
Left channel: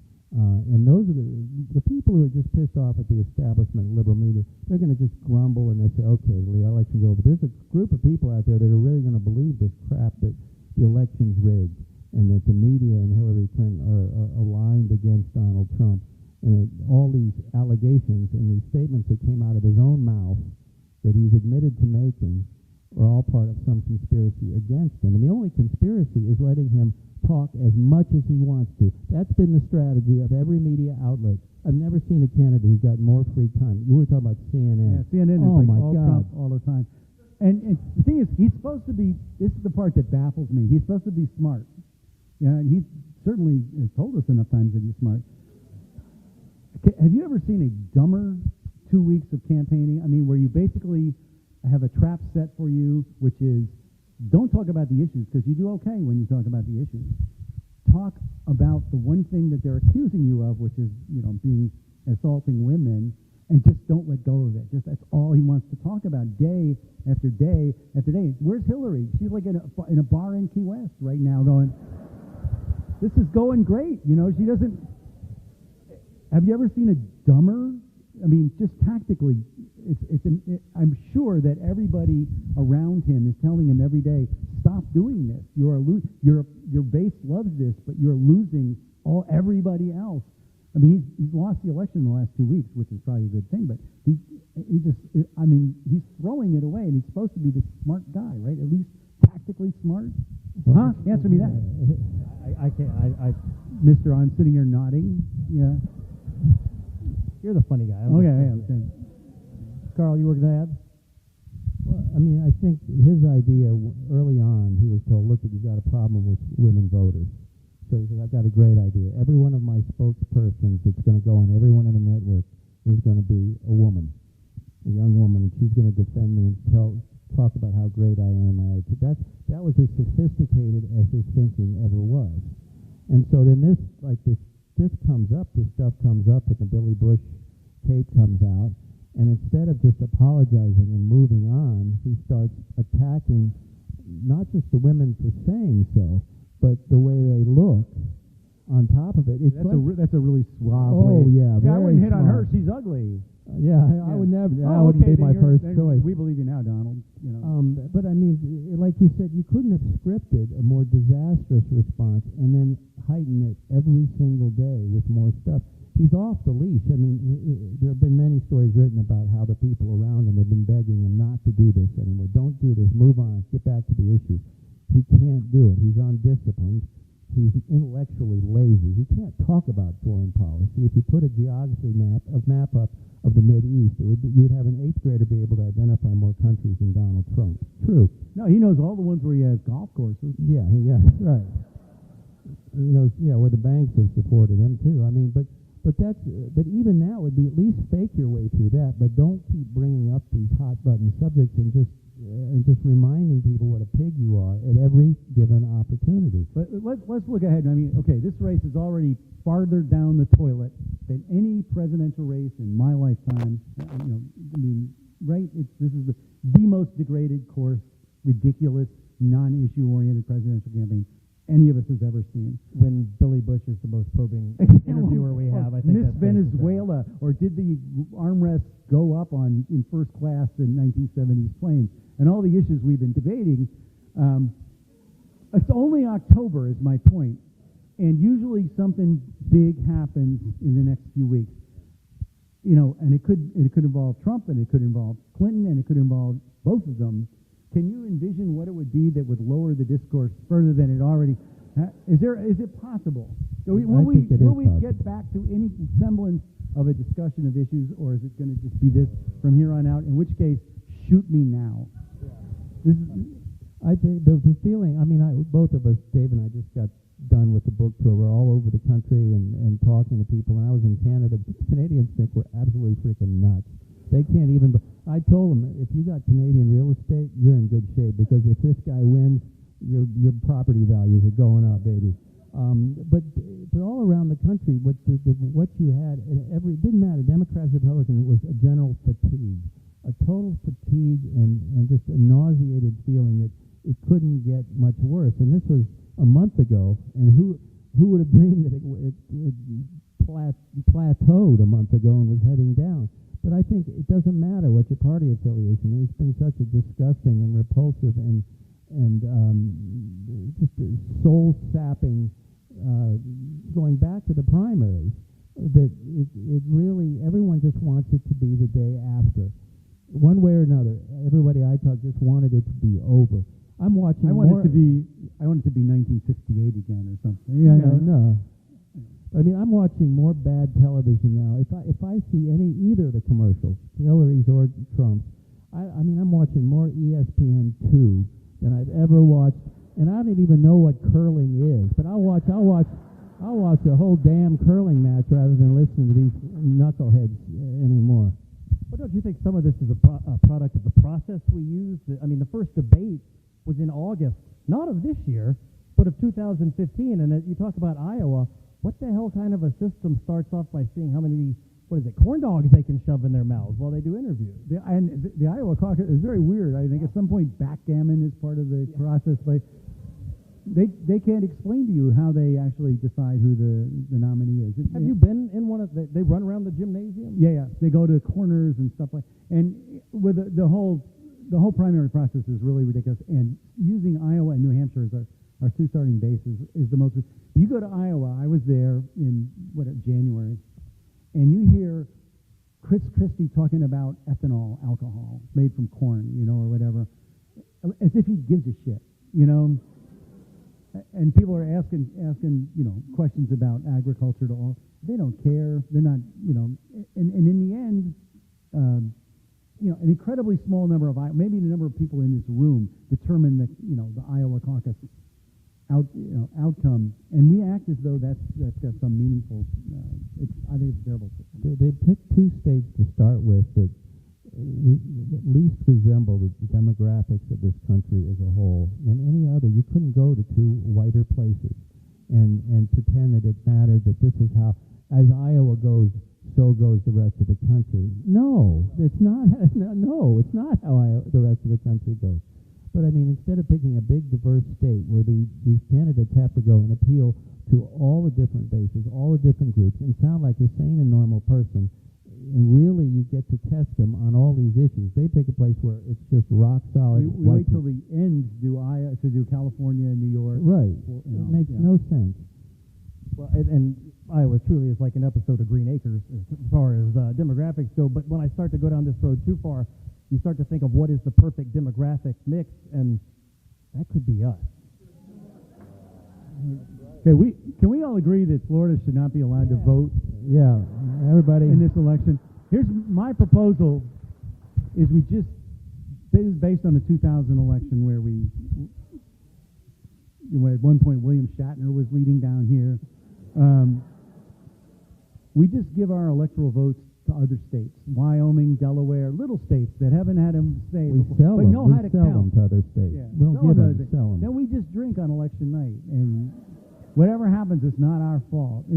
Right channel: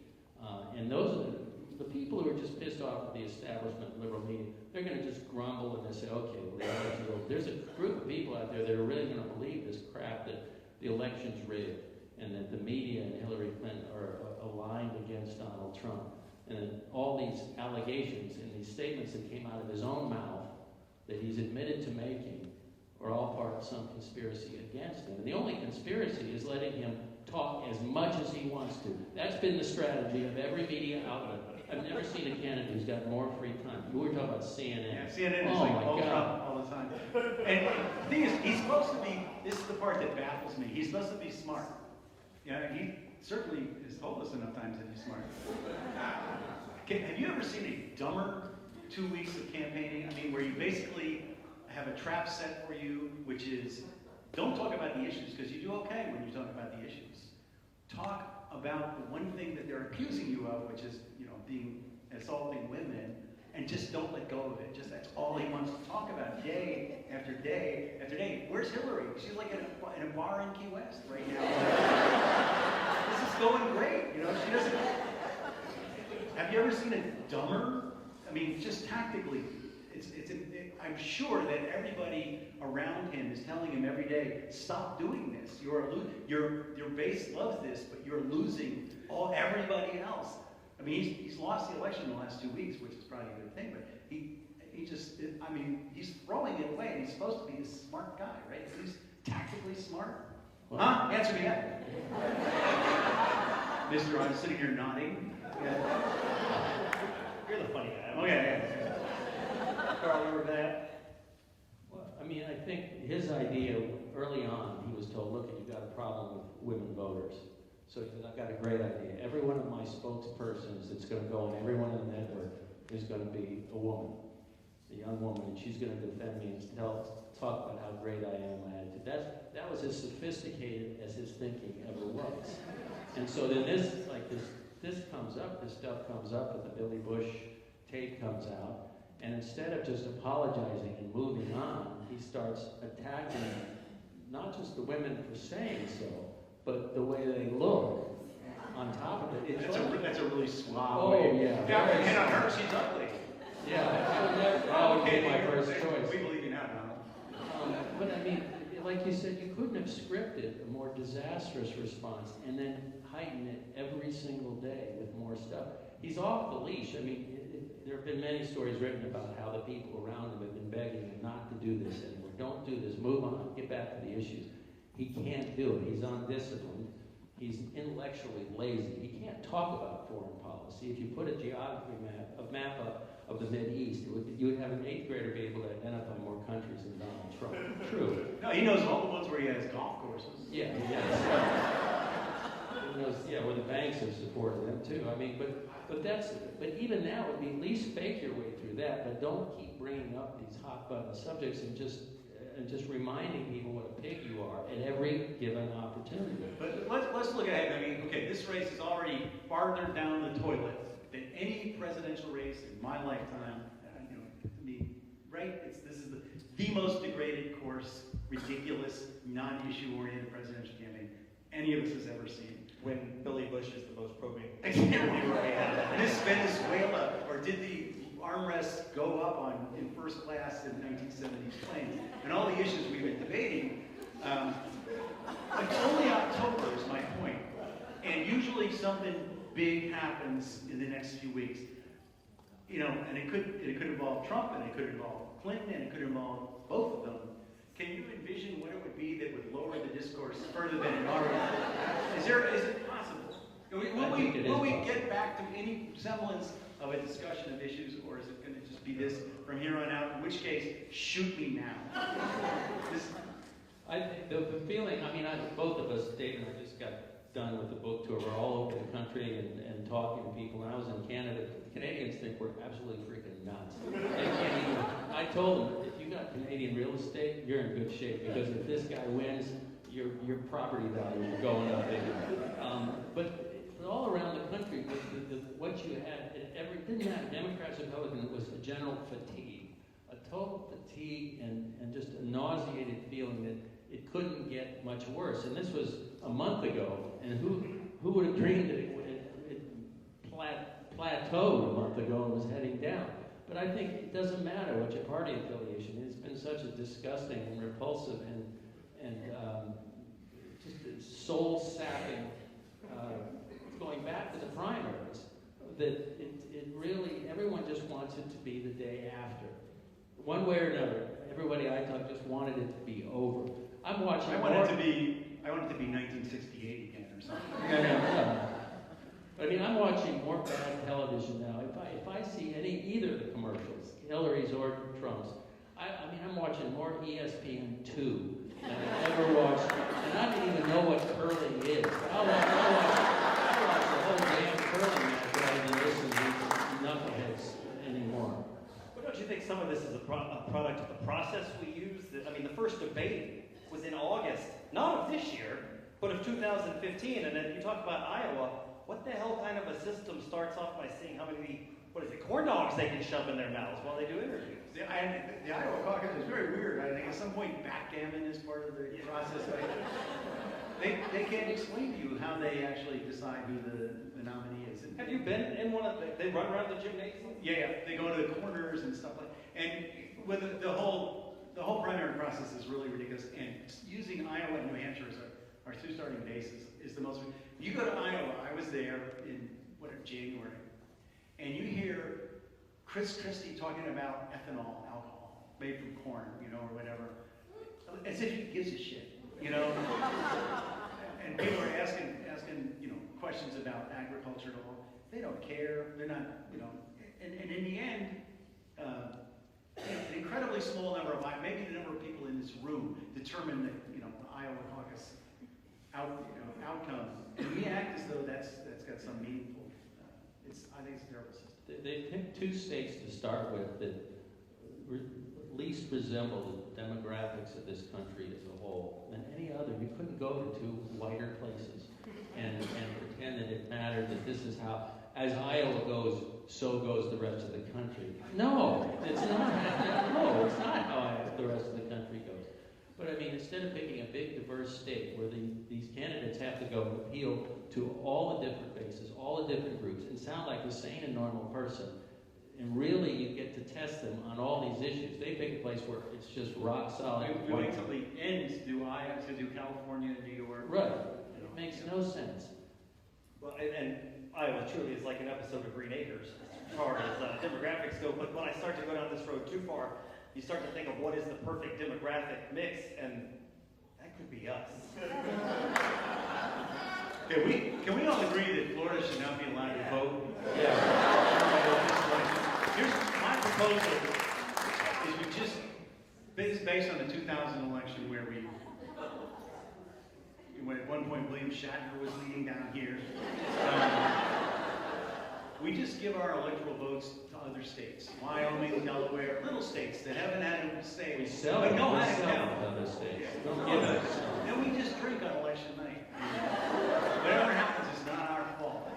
And those are the people who are just pissed off at the establishment, liberal media. They're going to just grumble and they say, okay, well, the election's over. There's a group of people out there that are really going to believe this crap that the election's rigged and that the media and Hillary Clinton are aligned against Donald Trump. And that all these allegations and these statements that came out of his own mouth that he's admitted to making are all part of some conspiracy against him. And the only conspiracy is letting him talk as much as he wants to. That's been the strategy of every media outlet. I've never seen a candidate who's got more free time. We were talking about CNN. Yeah, CNN is all the time. And the thing is, he's supposed to be, this is the part that baffles me, he's supposed to be smart. certainly has told us enough times that he's smart. Have you ever seen a dumber 2 weeks of campaigning? I mean, where you basically have a trap set for you, which is don't talk about the issues, because you do okay when you talk about the issues. Talk about the one thing that they're accusing you of, which is, being assaulting women, and just don't let go of it. Just that's all he wants to talk about, day after day after day. Where's Hillary? She's like in a bar in Key West right now. Going, this is going great. She doesn't. Have you ever seen a dumber? I mean, just tactically, I'm sure that everybody around him is telling him every day, stop doing this. Your base loves this, but you're losing everybody else. I mean, he's lost the election in the last 2 weeks, which is probably a good thing, but he's throwing it away, and he's supposed to be this smart guy, right? At least tactically smart. Huh? Answer me that. Mister, I'm sitting here nodding. Yeah. You're the funny guy. Okay. Carl, you were mad? Well, I mean, I think his idea early on, he was told, look, you got a problem with women voters. So he said, I've got a great idea. Every one of my spokespersons that's going to go on every one of the network is going to be a woman, a young woman, and she's going to defend me and talk about how great I am. That was as sophisticated as his thinking ever was. And so then this stuff comes up with the Billy Bush tape comes out, and instead of just apologizing and moving on, he starts attacking not just the women for saying so, but the way they look on top of it. That's a really suave Oh, way. yeah. Very Her, she's ugly. Yeah, that would be my first choice. We believe you have Donald. But I mean, like you said, you couldn't have scripted a more disastrous response and then heighten it every single day with more stuff. He's off the leash. I mean, there have been many stories written about how the people around him have been begging him not to do this anymore. Don't do this. Move on. Get back to the issues. He can't do it. He's undisciplined. He's intellectually lazy. He can't talk about foreign policy. If you put a geography map up of the Mideast, you'd have an 8th grader be able to identify more countries than Donald Trump. True. No, he knows all the ones where he has golf courses. Yeah, that's right. He knows, well, the banks have supported him too. I mean, but even that would be at least fake your way through that. But don't keep bringing up these hot button subjects and just reminding people what a pig you are at every given opportunity. But let's look ahead. I mean, okay, this race is already farther down the toilet than any presidential race in my lifetime. This is the most degraded course, ridiculous, non-issue oriented presidential campaign any of us has ever seen. When Billy Bush is the most probing interviewer we have. Miss Venezuela, or did the armrests go up in first class in 1970s planes? And all the issues we've been debating. Only October is my point. And usually something big happens in the next few weeks. And it could involve Trump, and it could involve Clinton, and it could involve both of them. Can you envision what it would be that would lower the discourse further than it already has? Is it possible? Will we get back to any semblance of a discussion of issues, or is it going to just be this from here on out? In which case, shoot me now. I think the feeling, both of us, Dave and I, just got done with the book tour. We're all over the country and talking to people. When I was in Canada, Canadians think we're absolutely freaking nuts. They can't even. I told them, if you got Canadian real estate, you're in good shape, because if this guy wins, your property values are going up, baby. But all around the country, what you had, it didn't matter, Democrats or Republicans, it was a general fatigue, a total fatigue and just a nauseated feeling that it couldn't get much worse. And this was a month ago, and who would have dreamed it plateaued a month ago and was heading down? But I think it doesn't matter what your party affiliation is. It's been such a disgusting and repulsive and just soul-sapping going back to the primaries that it really, everyone just wants it to be the day after. One way or another, everybody I talk just wanted it to be over. I'm watching. I want it to be 1968 again or something. Yeah. I'm watching more bad television now. If I see either of the commercials, Hillary's or Trump's, I'm watching more ESPN2 than I've ever watched, and I don't even know what curling is. But I'll watch these knuckleheads anymore. But don't you think some of this is a product of the process we use? I mean, the first debate was in August, not of this year, but of 2015. And then you talk about Iowa. What the hell kind of a system starts off by seeing how many, corn dogs they can shove in their mouths while they do interviews? The Iowa caucus is very weird. I think at some point backgammon is part of the process, but they can't explain to you how they actually decide who the nominee is. Have you been in one of they run around the gymnasium? Yeah, they go to corners and stuff like. And with the whole primary process is really ridiculous. And using Iowa and New Hampshire as our two starting bases is the most. You go to Iowa. I was there in January, and you hear Chris Christie talking about ethanol, alcohol made from corn, or whatever, as if he gives a shit, And people are asking, questions about agriculture to all. They don't care. They're not, And in the end, an incredibly small number of, maybe the number of people in this room determine the Iowa caucus outcomes, and we act as though that's some meaningful. I think it's terrible. They picked two states to start with that least resemble the demographics of this country as a whole than any other. You couldn't go to two whiter places and pretend that it mattered, that this is how, as Iowa goes, so goes the rest of the country. No, it's not. No, it's not how the rest of the country goes. But I mean, instead of picking a big, diverse state where these candidates have to go and appeal to all the different bases, all the different groups, and sound like they're saying a normal person, and really you get to test them on all these issues. They pick a place where it's just rock solid. We wait till the ends do California and New York. Right. It makes no sense. Well, and Iowa truly is like an episode of Green Acres as far as demographics go. But when I start to go down this road too far, you start to think of what is the perfect demographic mix, and that could be us. Can we all agree that Florida should not be allowed to vote? Yeah, Everybody in this election. Here's my proposal: is you just based on the 2000 election where at one point William Shatner was leading down here. We just give our electoral votes to other states, Wyoming, Delaware, little states that haven't had him say. we sell them to other states. Yeah. Then we just drink on election night. I mean, whatever happens, it's not our fault.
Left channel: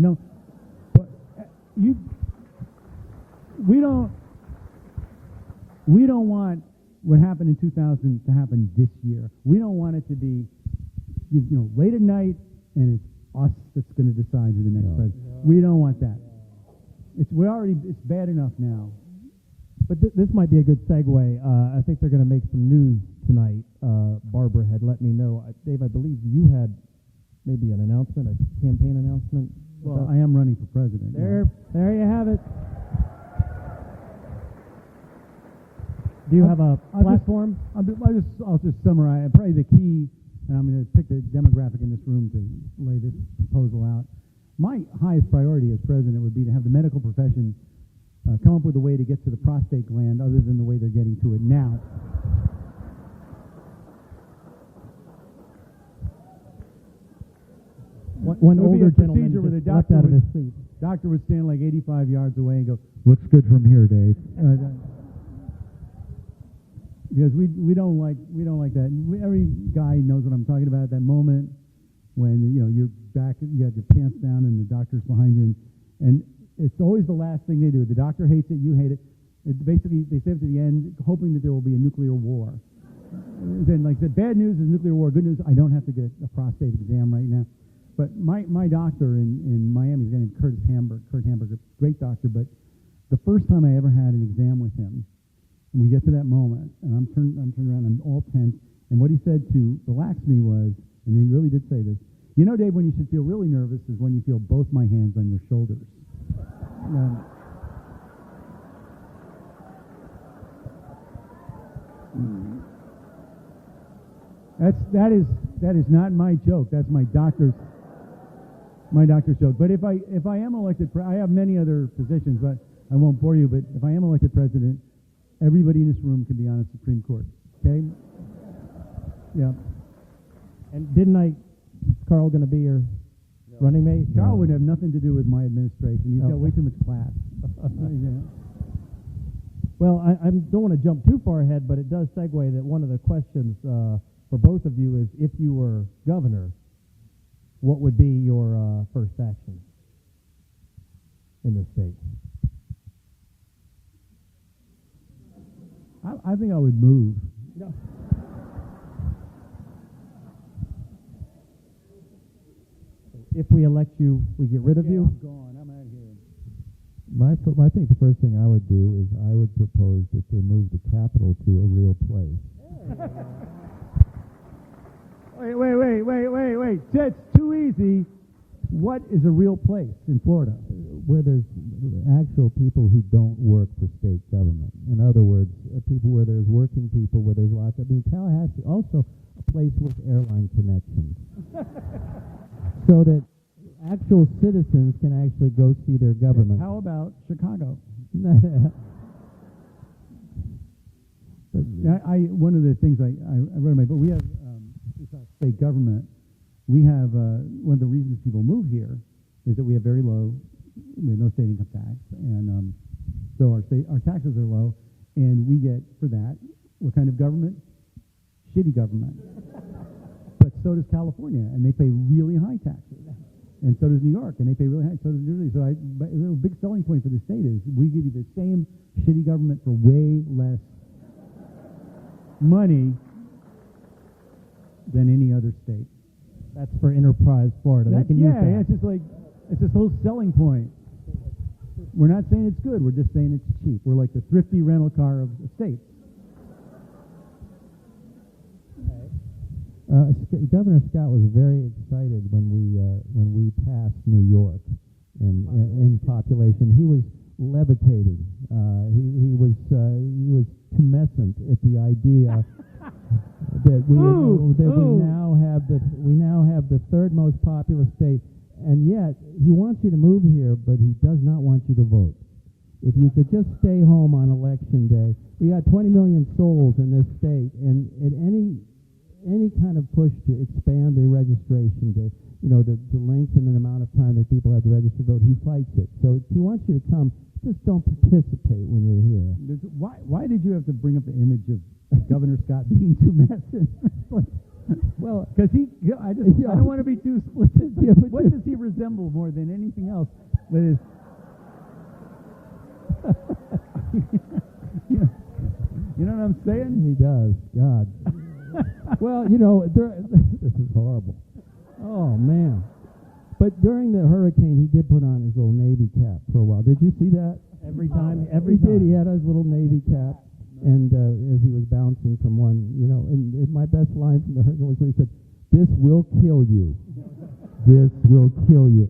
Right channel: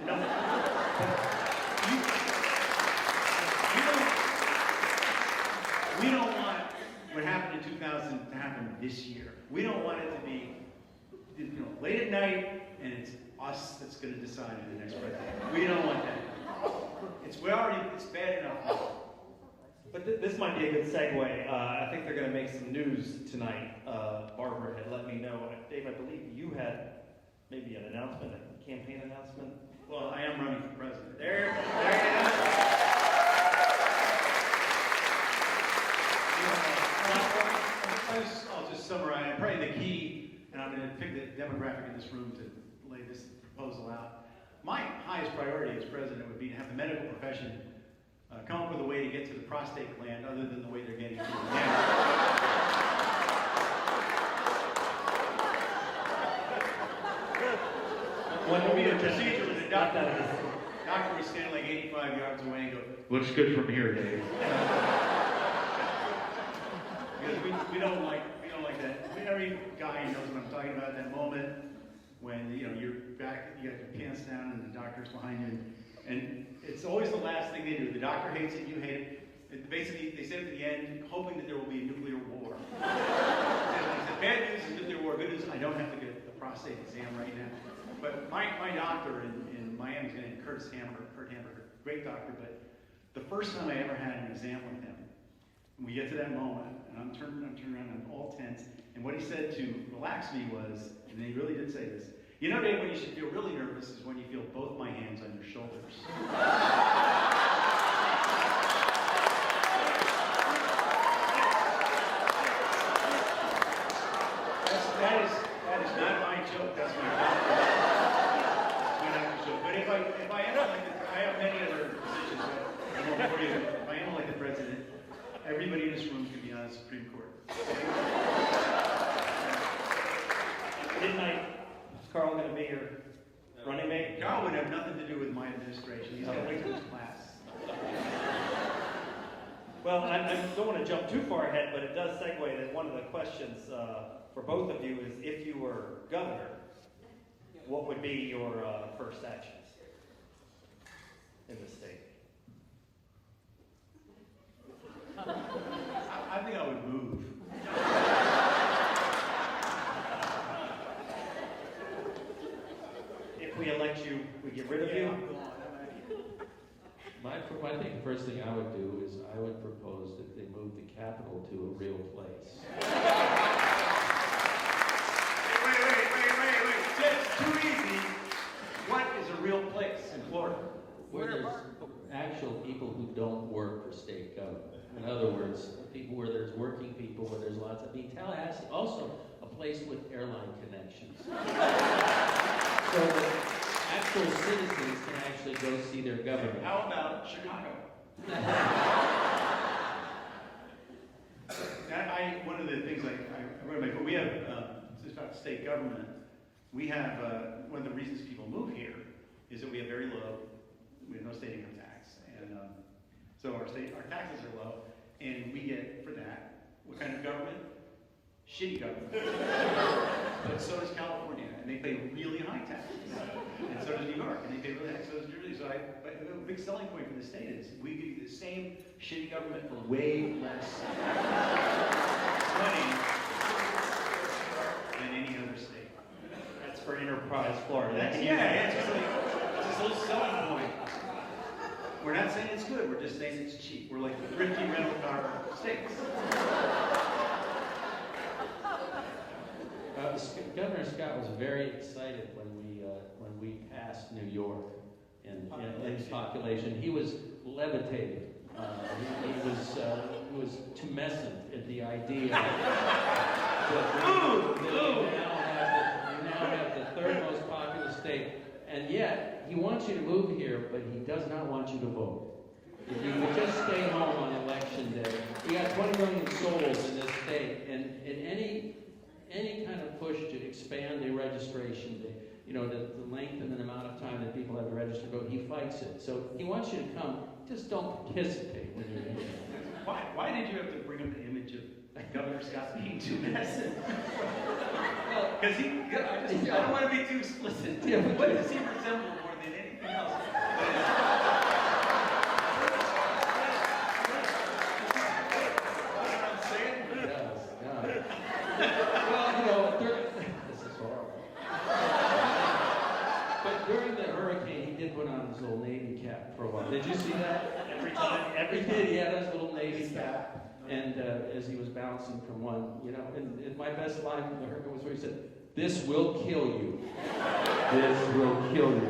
We don't want what happened in 2000 to happen this year. We don't want it to be, late at night and it's us that's going to decide who the next president. We don't want that. It's bad enough now. But this might be a good segue. I think they're going to make some news tonight. Barbara had let me know. Dave, I believe you had maybe an announcement, a campaign announcement. Well, I am running for president. There you have it. Do you have a platform? I'll just summarize. Probably the key, and I'm going to pick the demographic in this room to lay this proposal out. My highest priority as president would be to have the medical profession come up with a way to get to the prostate gland other than the way they're getting to it now. When it would be a procedure with a doctor would stand like 85 yards away and go, "Looks good from here, Dave." Because we don't like that. Every guy knows what I'm talking about. That moment when you're back, you have your pants down, and the doctor's behind you, and it's always the last thing they do. The doctor hates it, you hate it. Basically, they say at the end, hoping that there will be a nuclear war. Then the bad news is nuclear war. Good news, I don't have to get a prostate exam right now. But my doctor in Miami, his name is Kurt Hamburger, great doctor. But the first time I ever had an exam with him, and we get to that moment, and I'm turned around, I'm all tense. And what he said to relax me was, and he really did say this, Dave, when you should feel really nervous is when you feel both my hands on your shoulders. That is not my joke. That's my doctor's joke. But if I am elected, I have many other positions. I know for you, but if I am elected president, everybody in this room can be on the Supreme Court. Okay? Yeah. Didn't Carl going to be here? That would have nothing to do with my administration. He's everything is class. Well, I don't want to jump too far ahead, but it does segue that one of the questions for both of you is, if you were governor, what would be your first actions in the state? I think I would move. If we elect you, we get rid of you? I think the first thing I would do is I would propose that they move the capital to a real place. Wait. That's too easy. What is a real place in Florida? Where there's actual people who don't work for state government. In other words, people where there's working people, where there's lots of... Tallahassee also a place with airline connections. So that actual citizens can actually go see their government. How about Chicago? One of the things I wrote about, we have state government. We have one of the reasons people move here is that we have very low, we have no state income tax, and so our taxes are low, and we get for that what kind of government? Shitty government. But so does California, and they pay really high taxes. And so does New York, and they pay really high. So does New Jersey. So but a big selling point for the state is we give you the same shitty government for way less money than any other state. That's for Enterprise Florida. It's a whole selling point. We're not saying it's good. We're just saying it's cheap. We're like the thrifty rental car of states. Governor Scott was very excited when we passed New York in population. He was levitating. He was tumescent at the idea that we now have the third most populous state, and yet he wants you to move here, but he does not want you to vote. If you could just stay home on election day, we got 20 million souls in this state, and any kind of push to expand the registration day, to lengthen the amount of time that people have to register to vote, he fights it. So he wants you to come. Just don't participate when you're here. Why did you have to bring up the image of Governor Scott being too messy? Well, because I don't want to be too explicit. What does he resemble more than anything else? You know what I'm saying? He does. God. Well, this is horrible. Oh, man. But during the hurricane, he did put on his little Navy cap for a while. Did you see that? Every time. He had his little Navy cap, and as he was bouncing from one, and my best line from the hurricane was where he said, "This will kill you. This will kill you."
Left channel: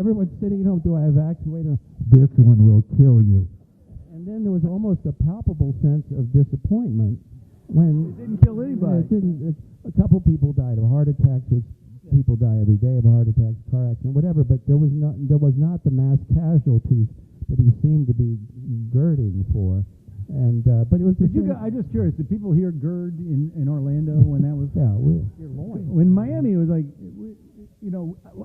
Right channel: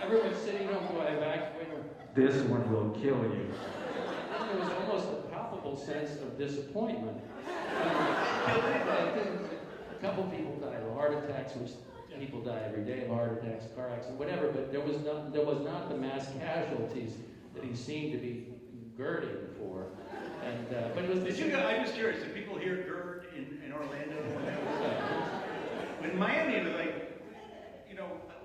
Everyone's sitting home, do I evacuate? This one will kill you. And then there was almost a palpable sense of disappointment. I think a couple people died of heart attacks, which people die every day of heart attacks, car accidents, whatever. But there was not the mass casualties that he seemed to be girding for. And but it was I'm just curious. Did people hear GERD in Orlando when Miami was like,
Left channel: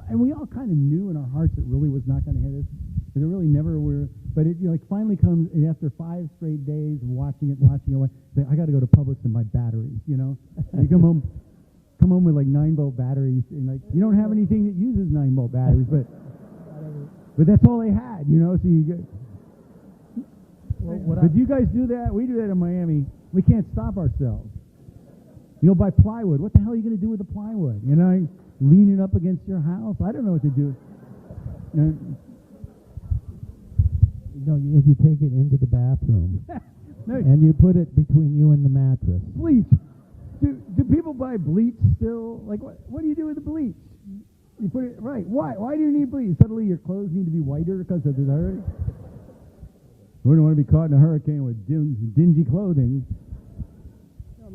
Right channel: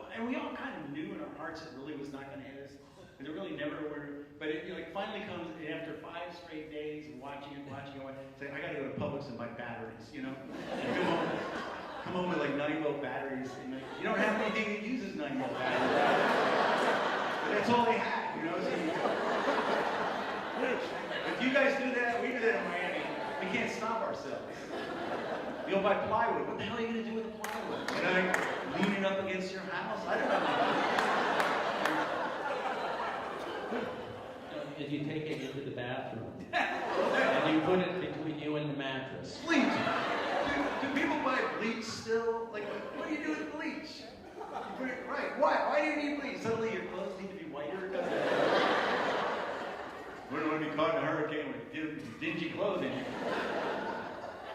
and we all kind of knew in our hearts it really was not going to hit us. It really never were. But it finally comes after 5 straight days of watching it. I got to go to Publix and buy batteries. And you come home with like 9-volt batteries. And you don't have anything that uses 9-volt batteries, but that's all they had. So you get. If you guys do that, we do that in Miami. We can't stop ourselves. We'll buy plywood. What the hell are you going to do with the plywood? Leaning up against your house? I don't know what to do. If you take it into the bathroom and you put it between you and the mattress. Bleach. Do people buy bleach still? Like, what do you do with the bleach? You put it, right. Why do you need bleach? Suddenly your clothes need to be whiter because of we don't want to be caught in a hurricane with dingy clothing.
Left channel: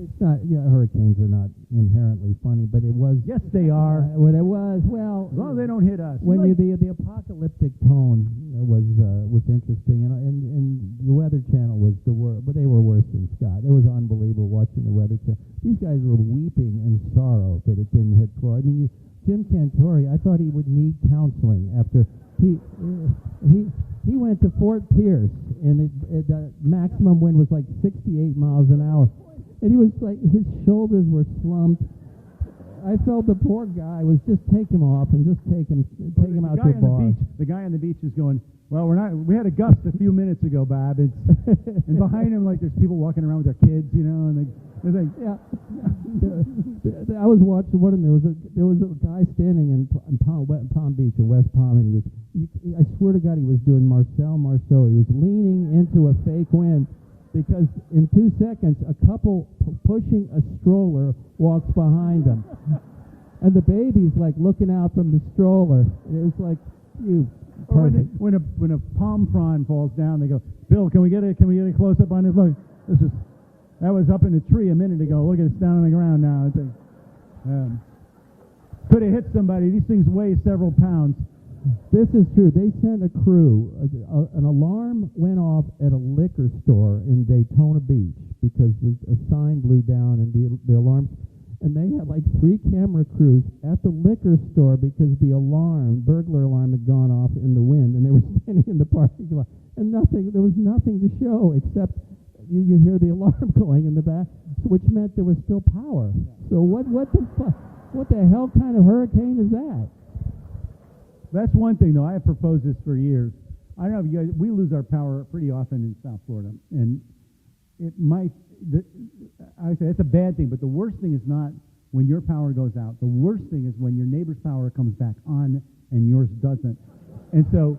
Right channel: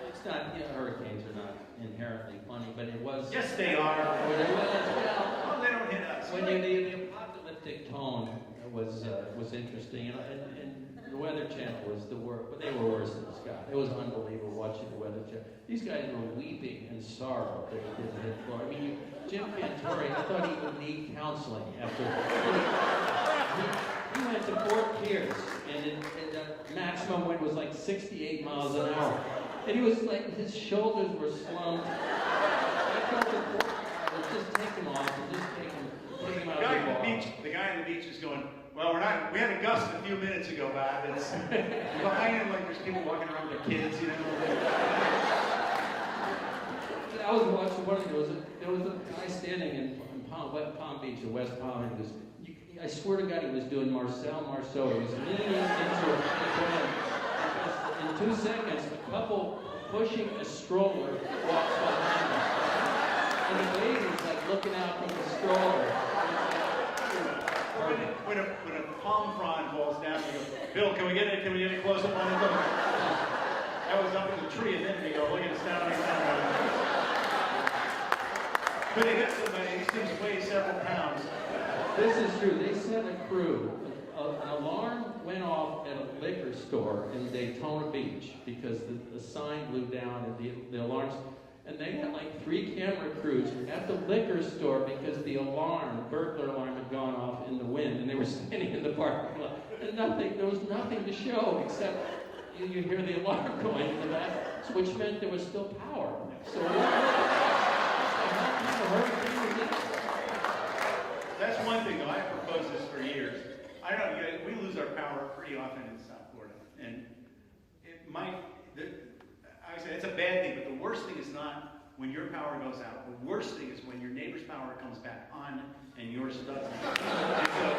It's not, hurricanes are not inherently funny, but it was. Yes, they are. Well, they don't hit us. When the apocalyptic tone was interesting, and the Weather Channel was the worst, but they were worse than Scott. It was unbelievable watching the Weather Channel. These guys were weeping in sorrow that it didn't hit Florida. I mean, Jim Cantori, I thought he would need counseling after he went to Fort Pierce, and the maximum wind was like 68 miles an hour. And he was like, his shoulders were slumped. I felt the poor guy was just taking off and just taking out the ball. The guy on the beach is going, well, we had a gust a few minutes ago, Bob. It's behind him, like there's people walking around with their kids, you know. I was watching one of them. There was a guy standing in Palm Beach or West Palm, and I swear to God, he was doing Marcel Marceau. He was leaning into a fake end because in 2 seconds, a couple pushing a stroller walks behind him, and the baby's like looking out from the stroller. And it's like, dude, perfect. When a palm frond falls down, they go, Bill, can we get a close up on the road? I was up in the tree a minute ago. Look, it's down on the ground now. Could have hit somebody. These things weigh several pounds. This is true. They sent a crew. An alarm went off at a liquor store in Daytona Beach because the sign blew down and the alarms. And they had like 3 camera crews at the liquor store because the burglar alarm had gone off in the wind, and they were standing in the parking lot. And there was nothing to show except you hear the alarm going in the back, which meant there was still power. So what the hell kind of hurricane was that? That's one thing, though. I've proposed this for years. I don't know, we lose our power pretty often in South Florida. And it might, I would say it's a bad thing, but the worst thing is not when your power goes out. The worst thing is when your neighbor's power comes back on and yours doesn't. And so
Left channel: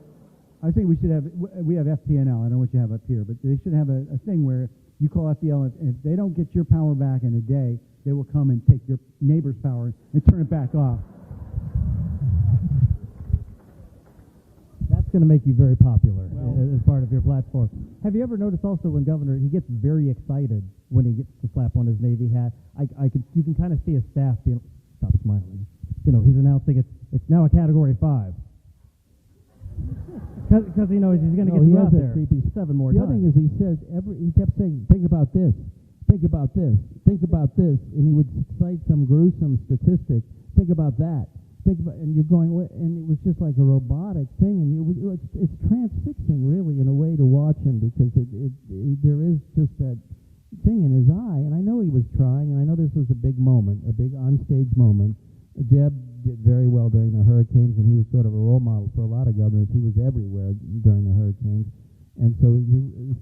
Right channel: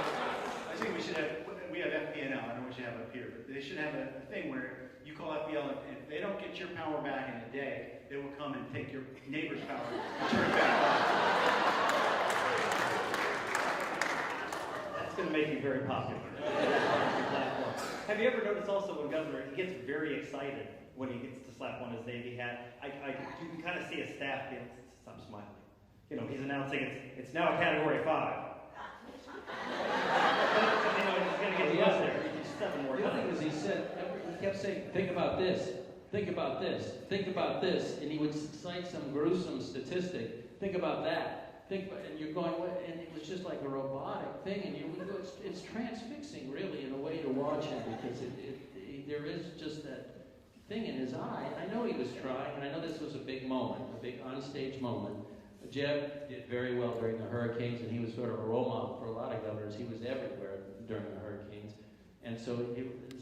I think we have FPNL, I don't know what you have up here, but they should have a thing where you call FPL, and if they don't get your power back in a day, they will come and take your neighbor's power and turn it back off. That's going to make you very popular as part of your platform. Have you ever noticed also when Governor, he gets very excited when he gets the slap on his Navy hat? You can kind of see his staff stop smiling. You know, he's announcing it's now a Category 5. Because, you know, he's going to get up there. The other thing is he kept saying, think about this, think about this, think about this, and he would cite some gruesome statistic, think about that. And you're going, and it was just like a robotic thing, and it's transfixing, really, in a way to watch him, because there is just that thing in his eye, and I know he was trying, and I know this was a big moment, a big onstage moment. Jeb did very well during the hurricanes, and he was sort of a role model for a lot of governors. He was everywhere during the hurricanes, and so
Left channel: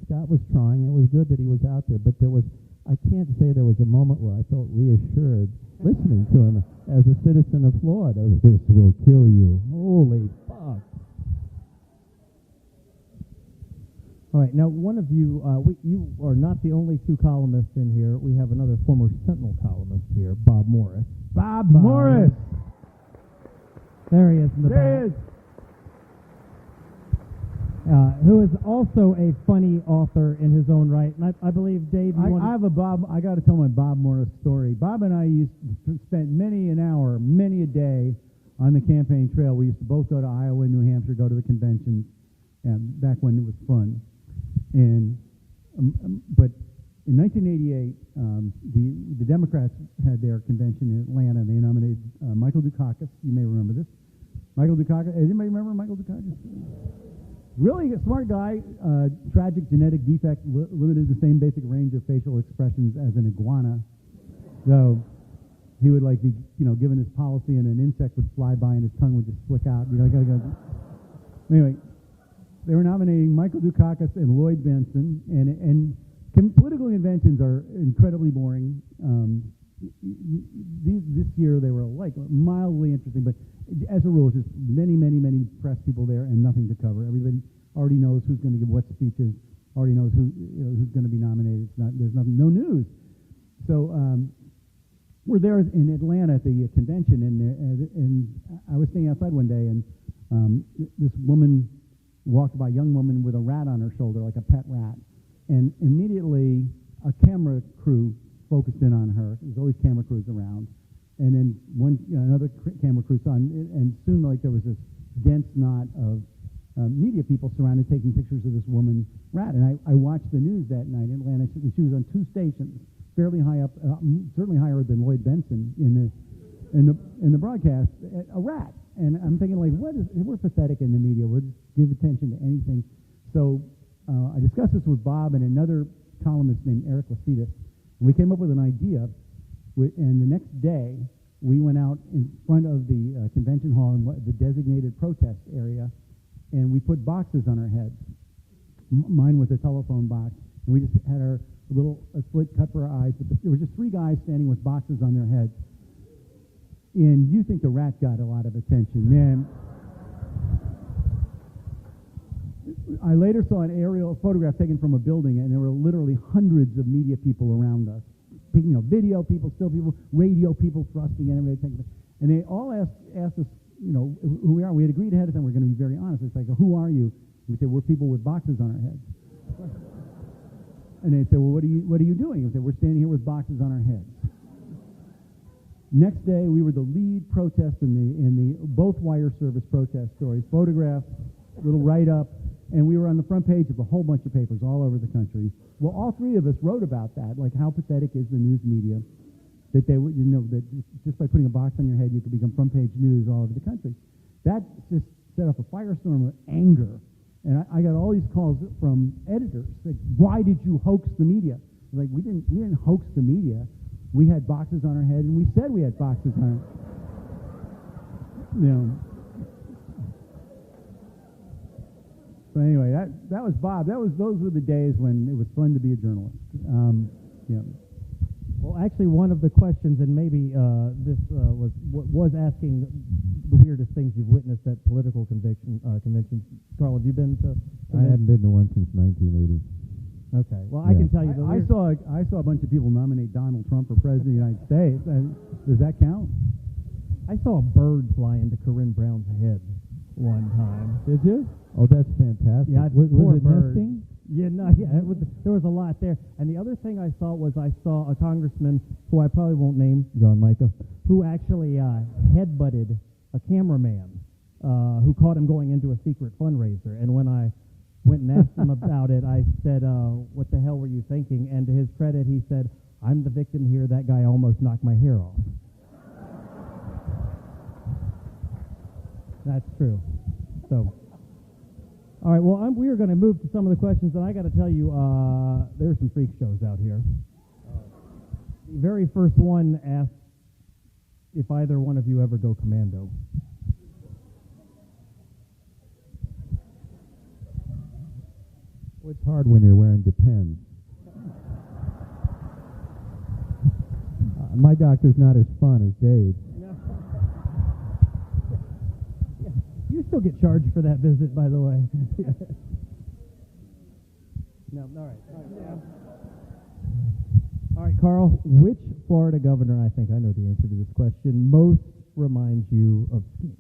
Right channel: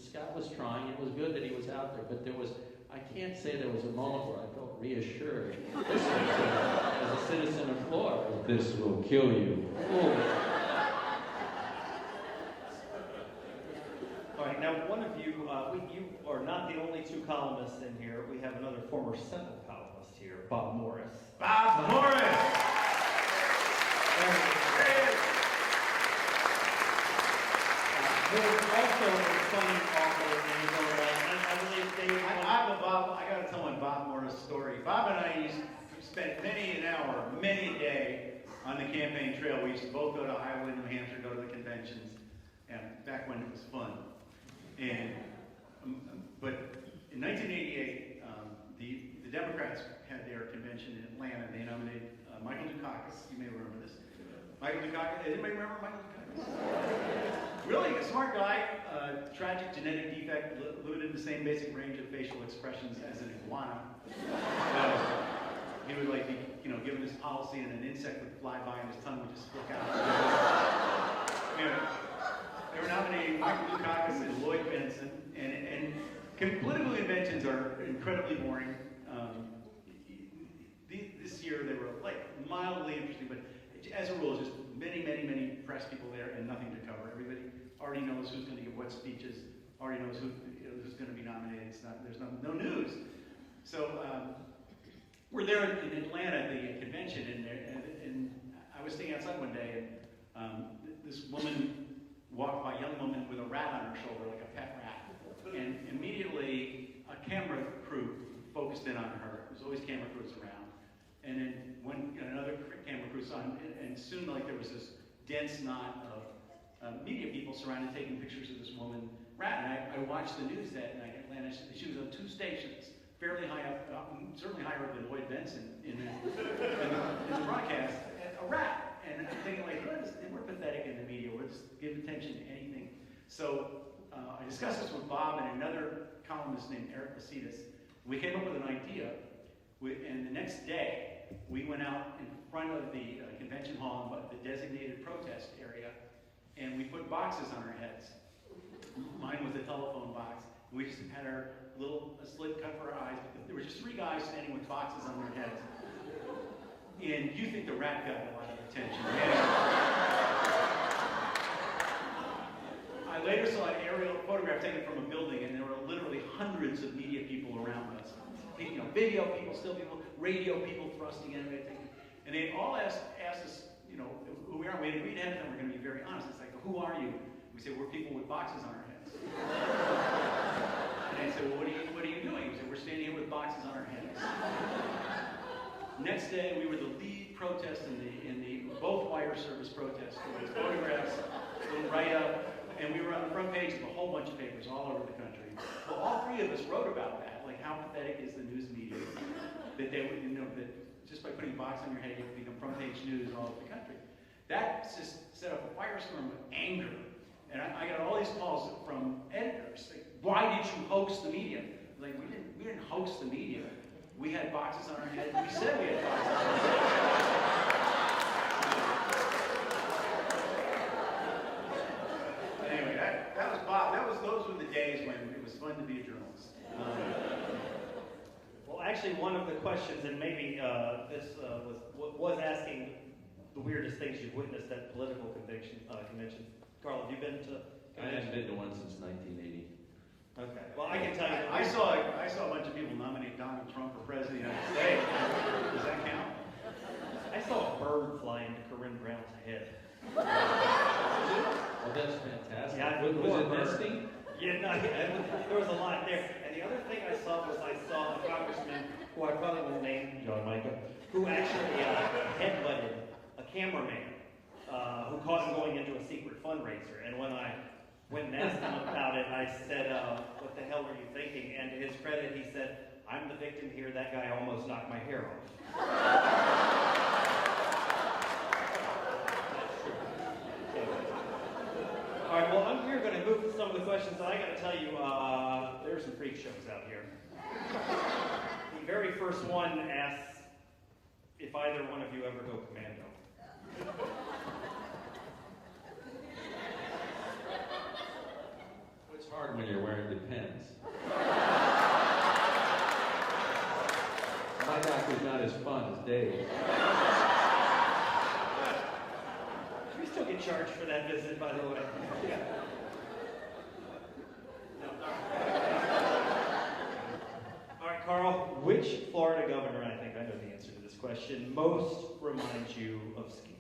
Scott was trying. It was good that he was out there, but I can't say there was a moment where I felt reassured listening to him as a citizen of Florida. This will kill you. Holy fuck. All right, now one of you are not the only 2 columnists in here. We have another former Sentinel columnist here, Bob Morris. Bob Morris! Who is also a funny author in his own right. I believe Dave. I got to tell my Bob Morris story. Bob and I used to spend many an hour, many a day on the campaign trail. We used to both go to Iowa and New Hampshire, go to the conventions, and back when it was fun. And but in 1988, the Democrats had their convention in Atlanta. They nominated Michael Dukakis. You may remember this. Michael Dukakis. Anybody remember Michael Dukakis? Really smart guy. Tragic genetic defect, eluded the same basic range of facial expressions as an iguana. Well, he would like be, given this policy, and an insect would fly by, and his tongue would just flick out. They were nominating Michael Dukakis and Lloyd Benson, and political conventions are incredibly boring. This year they were like mildly interesting, but as a rule, just many press people there and nothing to cover. Everybody already knows who's going to give what speeches, already knows who's going to be nominated. There's no news. So we're there in Atlanta at the convention, and I was sitting outside one day, and this young woman with a rat on her shoulder, like a pet rat, and immediately a camera crew focused in on her. There's always camera crews around. And then another camera crew saw, and soon there was this dense knot of media people surrounded taking pictures of this woman rat. And I watched the news that night in Atlanta. She was on 2 stations, fairly high up, certainly higher than Lloyd Benson in the broadcast, a rap. And I'm thinking, like, we're pathetic in the media. We'll just give attention to anything. So I discussed this with Bob and another columnist named Eric Lacitus. We came up with an idea, and the next day, we went out in front of the convention hall in the designated protest area, and we put boxes on our heads. Mine was a telephone box. We just had our little slit pepper eyes. There were just 3 guys standing with boxes on their heads. And you think the rap got a lot of attention, man. I later saw an aerial photograph taken from a building, and there were literally hundreds of media people around us. You know, video people, still people, radio people thrusting in, everything. And they all asked us, you know, who we are. We agreed ahead of time we're going to be very honest. It's like, who are you? We say, we're people with boxes on our heads. And they say, well, what are you doing? We say, we're standing here with boxes on our heads. Next day, we were the lead protest in the both wire service protest stories, photographs, little write-up, and we were on the front page of a whole bunch of papers all over the country. Well, all 3 of us wrote about that, like how pathetic is the news media, that they, you know, that just by putting a box on your head, you can become front page news all over the country. That just set up a firestorm of anger. And I got all these calls from editors, like, why did you hoax the media? Like, we didn't hoax the media. We had boxes on our head, and we said we had boxes on our head. So anyway, that was Bob. Those were the days when it was fun to be a journalist. Yeah. Well, actually, one of the questions, and maybe this was asking the weirdest things you've witnessed at political conventions. Carl, have you been to? I haven't been to one since 1980. Okay. Well, I can tell you. I saw a bunch of people nominate Donald Trump for president of the United States. Does that count? I saw a bird flying to Corinne Brown's head. Did you? Oh, that's fantastic. Yeah, was it nesting? Yeah, no, there was a lot there. And the other thing I saw a congressman, who I probably won't name, John Michael, who actually headbutted a cameraman who caught him going into a secret fundraiser. And when I went and asked him about it, I said, what the hell were you thinking? And to his credit, he said, I'm the victim here. That guy almost knocked my hair off. That's true. So, all right, well, we're going to move to some of the questions. I got to tell you, there's some freak shows out here. The very first one asks if either one of you ever go commando. It's hard when you're wearing Depends. My doctor's not as fun as Dave. You still get charged for that visit, by the way. No. All right, Carl, which Florida governor, I think I know the answer to this question, most reminds you of Steve?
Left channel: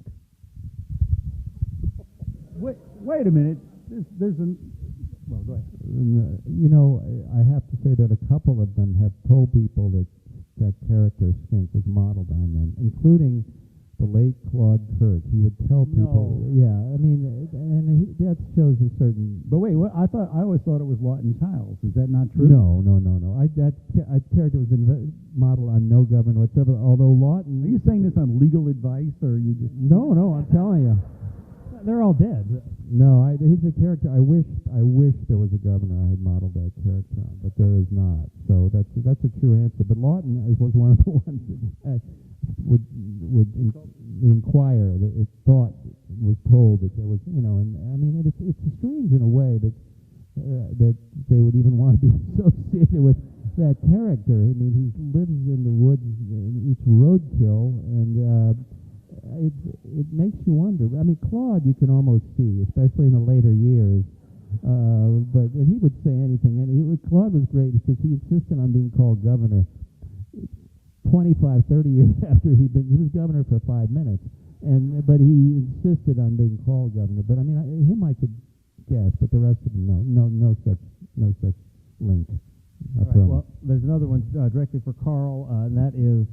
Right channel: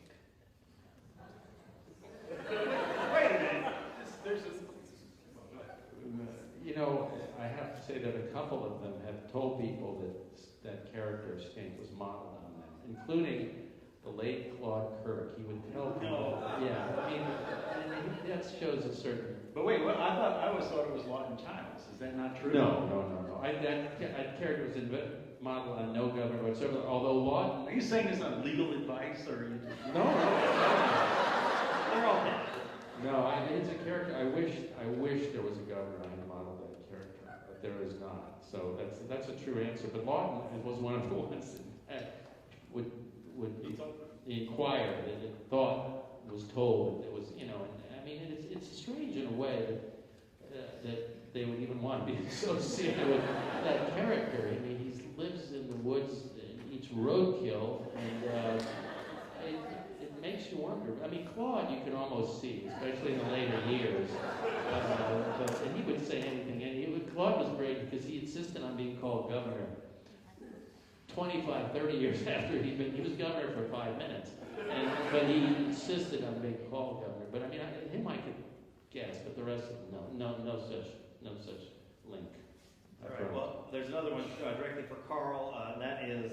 Wait a minute. Well, go ahead. You know, I have to say that a couple of them have told people that character Stink was modeled on them, including the late Claude Kirk. He would tell people, yeah, I mean, and that shows a certain... But wait, I always thought it was Lawton Childs. Is that not true? No. That character was modeled on no governor whatsoever, although Lawton... Are you saying this on legal advice, or are you just... No, I'm telling you. They're all dead. No, he's a character. I wish there was a governor I had modeled that character, but there is not. So that's a true answer. But Lawton was one of the ones that would the Inquirer was told that there was, you know. I mean, it's strange in a way that they would even want to be associated with that character. I mean, he lives in the woods and eats roadkill, and it makes you wonder. I mean, Claude you can almost see, especially in the later years. But he would say anything. And Claude was great because he insisted on being called governor 25, 30 years after he was governor for 5 minutes. But he insisted on being called governor. But I mean, him I could guess, but the rest of them, no such link. Right, well, there's another one directed for Carl, and that is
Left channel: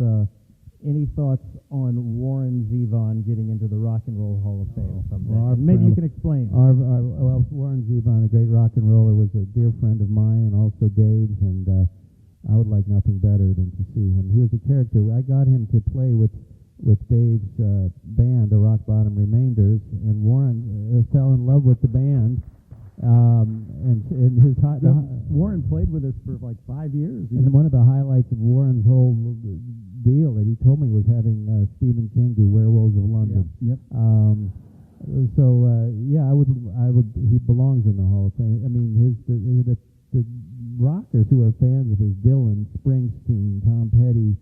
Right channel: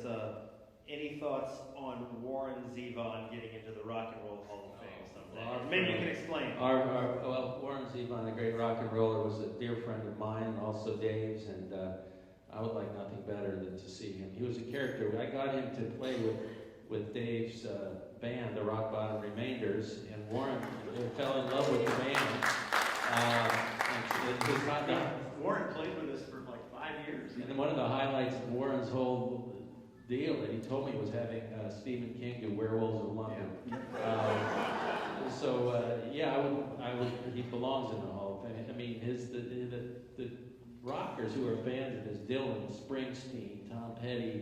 any thoughts on Warren Zevon getting into the Rock and Roll Hall of Fame someday? Well, maybe you can explain. Well, Warren Zevon, a great rock and roller, was a dear friend of mine and also Dave's, and I would like nothing than to see him. He was a character. I got him to play with Dave's band, the Rock Bottom Remainders, and Warren fell in love with the band. And his Warren played with us for like 5 years. and one of the highlights of Warren's whole deal, and he told me, was having Stephen King do Werewolves of London. Yep. I would. He belongs in the Hall of Fame. I mean, the rockers who are fans of his, Dylan, Springsteen, Tom Petty,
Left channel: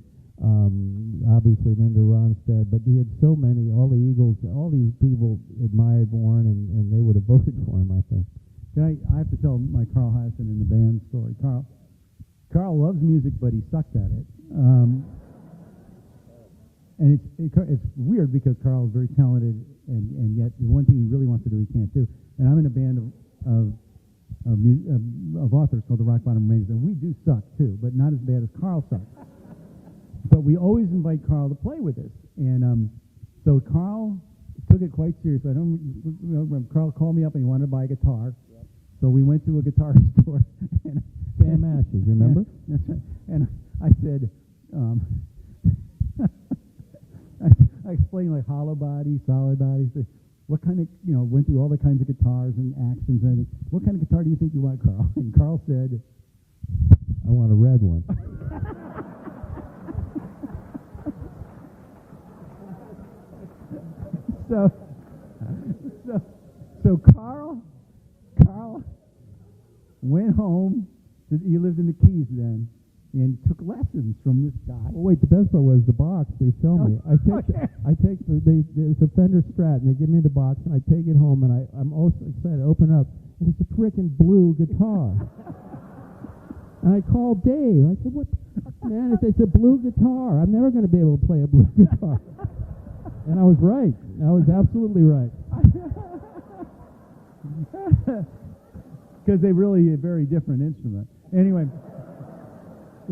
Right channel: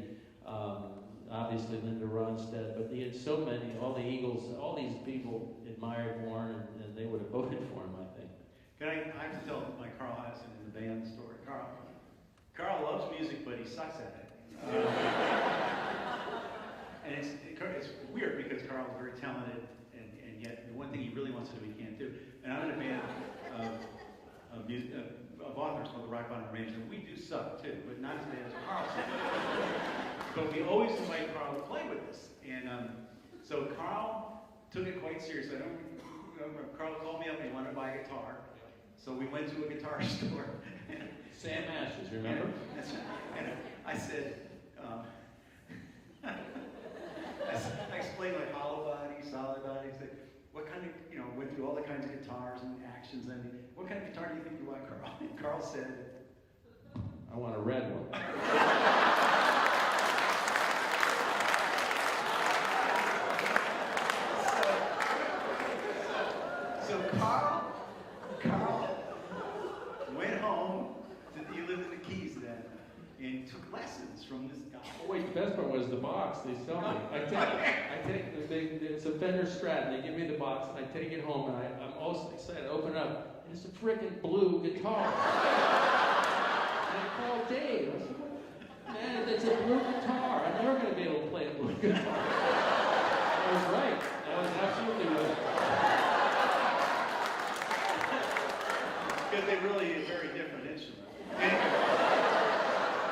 obviously Linda Ronstadt, but he had so many. All the Eagles, all these people admired Warren, and they would have voted for him, I think. I have to tell my Carl Hiaasen in the band story. Carl loves music, but he sucks at it. And it's weird because Carl's very talented, and yet the one thing he really wants to do he can't do. And I'm in a band of authors called the Rock Bottom Rangers, and we do suck too, but not as bad as Carl sucks. But we always invite Carl to play with us, and so Carl took it quite seriously. Carl called me up and he wanted to buy a guitar, so we went to a guitar store. Sam Ashes, remember? And I said, I explained like hollow body, solid body. Said, what kind of, went through all the kinds of guitars and actions, and what kind of guitar do you think you want, Carl? And Carl said, I want a red one. So Carl went home. He lived in the Keys then, and took lessons from this guy. Oh, wait, the best part was the box they sell me. It's a Fender Strat, and they give me the box, and I take it home, and I'm also excited. I open it up, and it's a frickin' blue guitar. And I called Dave. I said, man, if it's a blue guitar, I'm never going to be able to play a blue guitar. And I was right. I was absolutely right. Because they really a very different instrument. Anyway,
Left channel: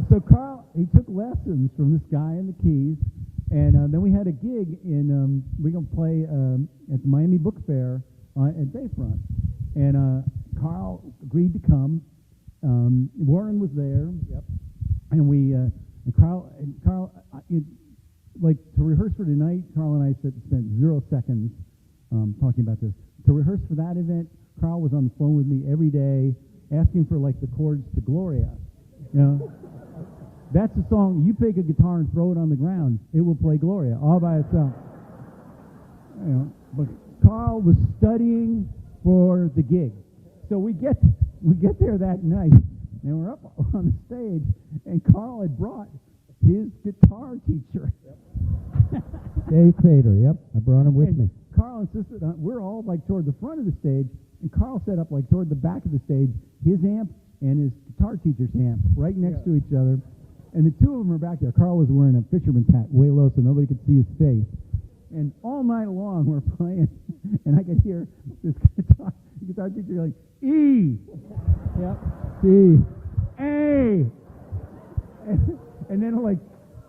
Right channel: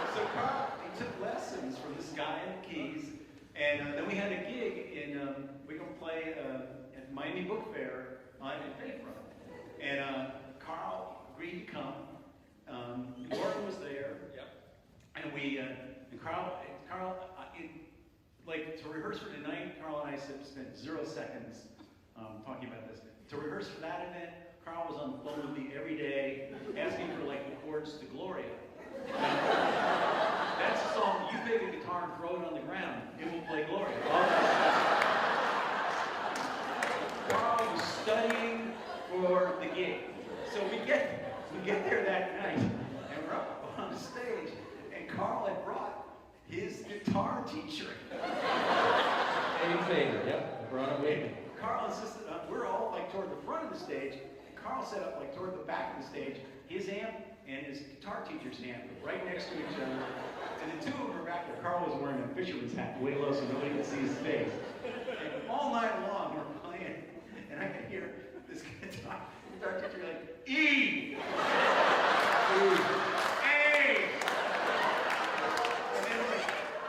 so Carl, he took lessons from this guy in the Keys, and then we had a gig in, we were going to play at the Miami Book Fair at Bayfront. And Carl agreed to come. Warren was there. Yep. And Carl, like to rehearse for tonight, Carl and I spent 0 seconds talking about this. To rehearse for that event, Carl was on the phone with me every day, asked me for like the chords to Gloria. That's a song, you pick a guitar and throw it on the ground, it will play Gloria, all by itself. Carl was studying for the gig. So we get there that night, and we're up on stage, and Carl had brought his guitar teacher. Dave Crater, yep, I brought him with me. Carl insisted we're all like toward the front of the stage, and Carl set up like toward the back of the stage, his amp and his guitar teacher's amp right next to each other. And the two of them were back there. Carl was wearing a fisherman's hat way low so nobody could see his face. And all night long we're playing, and I could hear this guitar teacher like, E! E! A! And then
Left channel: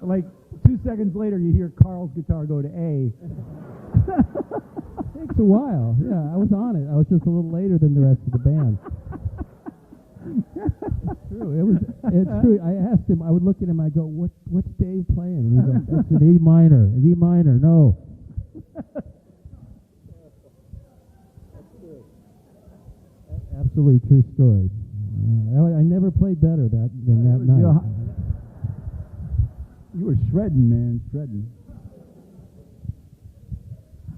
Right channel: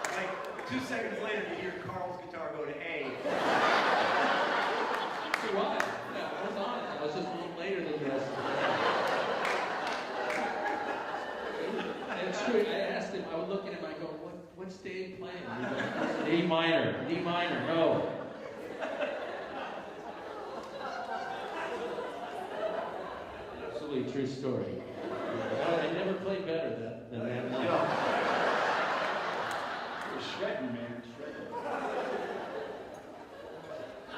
like 2 seconds later you hear Carl's guitar go to A. For a while, yeah, I was on it. I was just a little later than the rest of the band. It's true. I asked him, I would look at him, I go, what's Dave playing? He's like, it's an E minor, no. Absolutely true story. I never played better than that night. Yeah. You were shredding, man, shredding.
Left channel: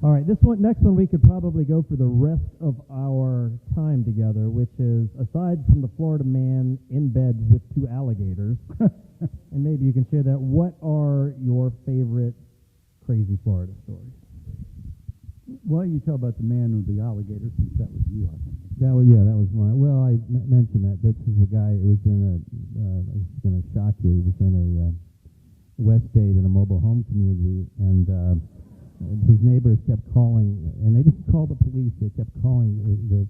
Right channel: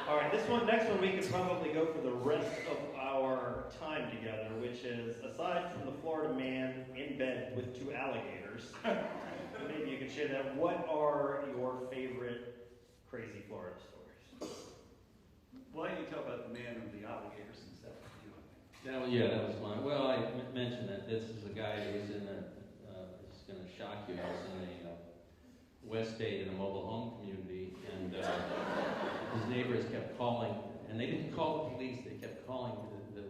All right, next one we could probably go for the rest of our time together, which is, aside from the Florida man in bed with 2 alligators, and maybe you can share that, what are your favorite crazy Florida stories? Why don't you tell about the man with the alligator, since that was you? That was one. Well, I mentioned that. This is a guy who's in it's going to shock you, he's in a West Bay in a mobile home community, and his neighbors kept calling, and they didn't call the police, they kept calling the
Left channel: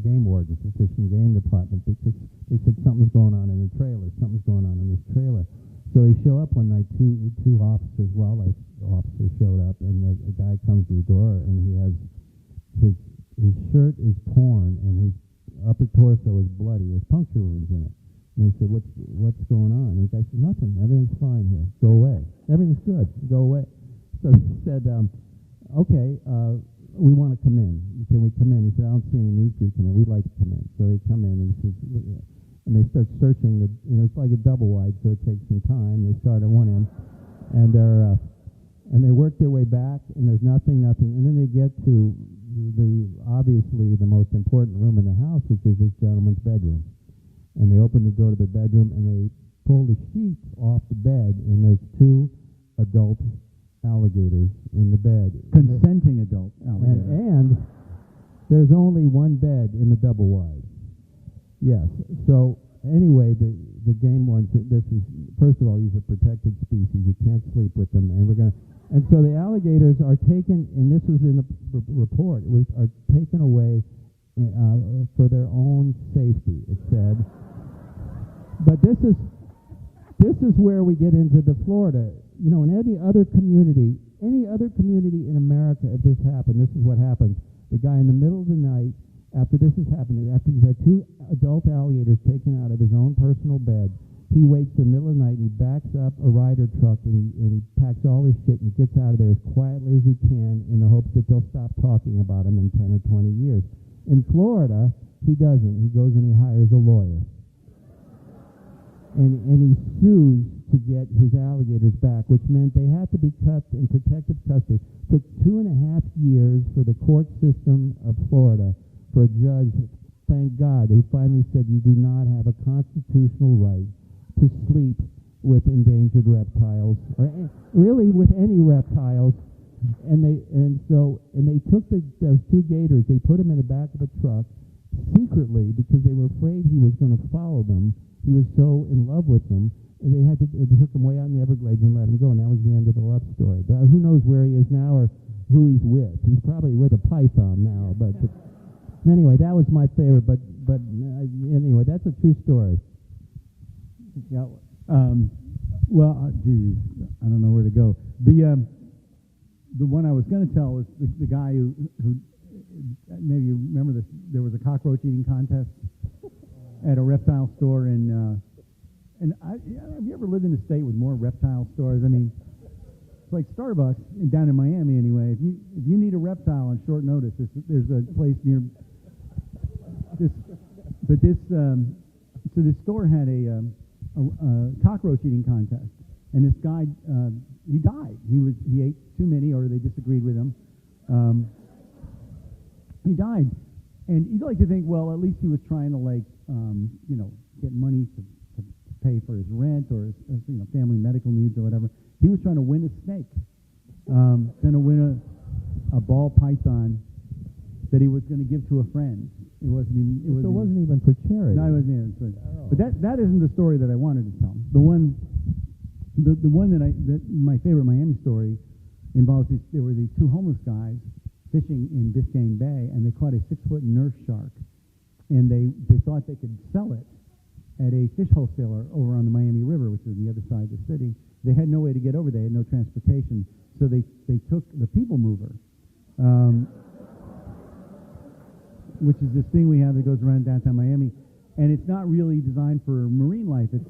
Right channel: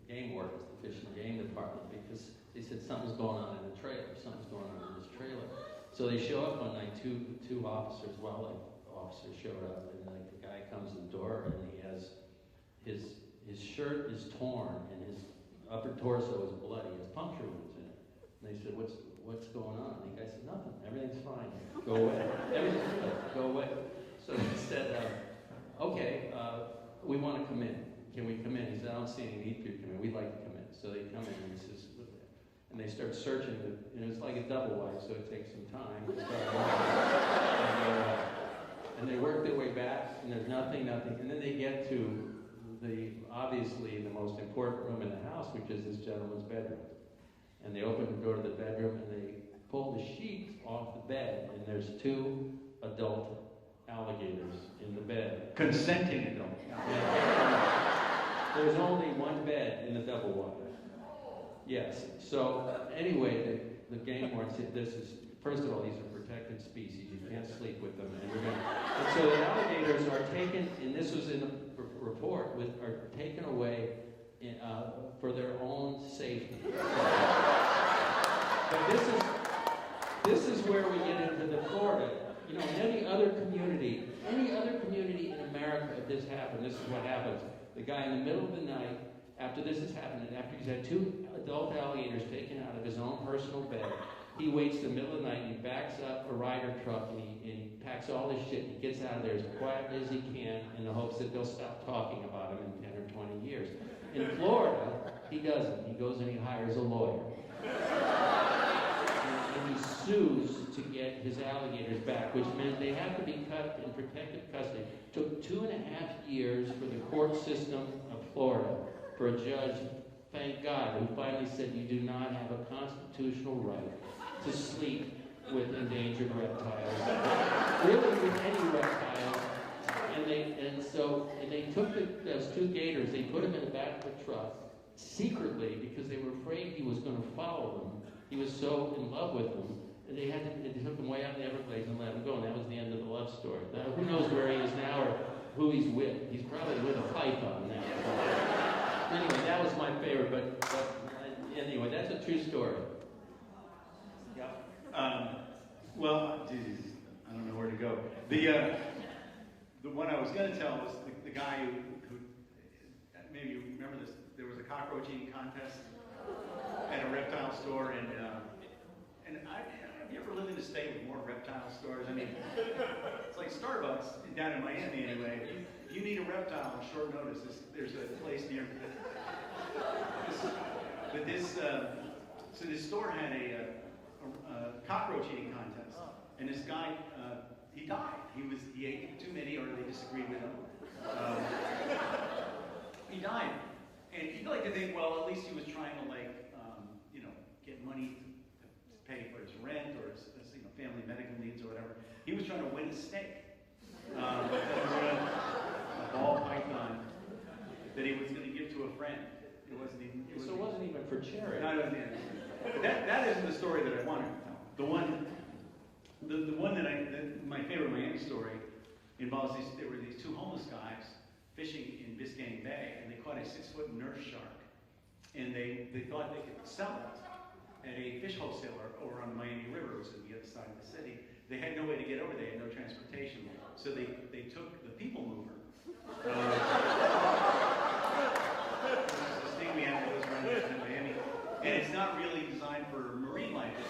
game wardens, the Fish and Game Department, because they said something's going on in the trailer, something's going on in this trailer. So they show up when like two officers, wildlife officers showed up, and the guy comes to the door, and he has his shirt is torn, and his upper torso is bloody, his puncture wounds in it. And they said, what's going on? And the guy said, nothing. Everything's fine here. Go away. Everything's good. Go away. So they said, okay, we want to come in. Can we come in? He said, I don't see any need for you to come in. We'd like to come in. So they come in and he says, and they start searching. It's like a double wide, so it takes some time. They start around, and they work their way back, and there's nothing, and then they get to obviously the most important room in the house, which is this gentleman's bedroom. And they open the door to the bedroom, and they pull the sheets off the bed, and there's 2 adult alligators in the bed. Consenting adult. And there's only one bed in the double wide. Yes. So anyway, the game warden said, this is, first of all, these are protected species. You can't sleep with them. And so the alligators are taken, and this was in a report, are taken away for their own safety. It said. But this is where we get into the Florida. In any other community in America, if this happened, this is what happens. The guy in the middle of the night, after this has happened, after he's had 2 adult alligators taken out of his own personal bed, he waits in the middle of the night and he backs up a rider truck and he packs all his shit and gets out of there as quietly as he can in the hopes that they'll stop talking about him in 10 or 20 years. In Florida, he doesn't. He goes and he hires a lawyer. And he sues to get his alligators back, which meant they have to be kept in protective custody. It took 2.5 years for the court system of Florida for a judge, thank God, who finally said you do not have a constitutional right to sleep with endangered reptiles, really with any reptiles. And they took those 2 gators, they put them in the back of a truck secretly because they were afraid he was going to follow them. He was so in love with them, and they took him way out in the Everglades and let him go, and that was the end of the love story. But who knows where he is now or who he's with? He's probably with a python now. But anyway, that was my favorite. But anyway, that's a true story. Yeah. Well, geez, I don't know where to go. The one I was going to tell is the guy who maybe you remember this. There was a cockroach eating contest at a reptile store, and have you ever lived in a state with more reptile stores? I mean, it's like Starbucks down in Miami anyway. If you meet a reptile on short notice, there's a place near. So this store had a cockroach eating contest, and this guy he died. He ate too many, or they disagreed with him. He died, and you'd like to think, well, at least he was trying to get money to pay for his rent or his family medical needs or whatever. He was trying to win a snake, trying to win a ball python that he was going to give to a friend. It wasn't even for charity. No, it wasn't even for charity. But that isn't the story that I wanted to tell. The one my favorite Miami story involves there were these 2 homeless guys fishing in Biscayne Bay, and they caught a 6-foot nurse shark, and they thought they could sell it at a fish wholesaler over on the Miami River, which is the other side of the city. They had no way to get over there, no transportation, so they took the people mover, which is this thing we have that goes around downtown Miami, and it's not really designed for marine life. It's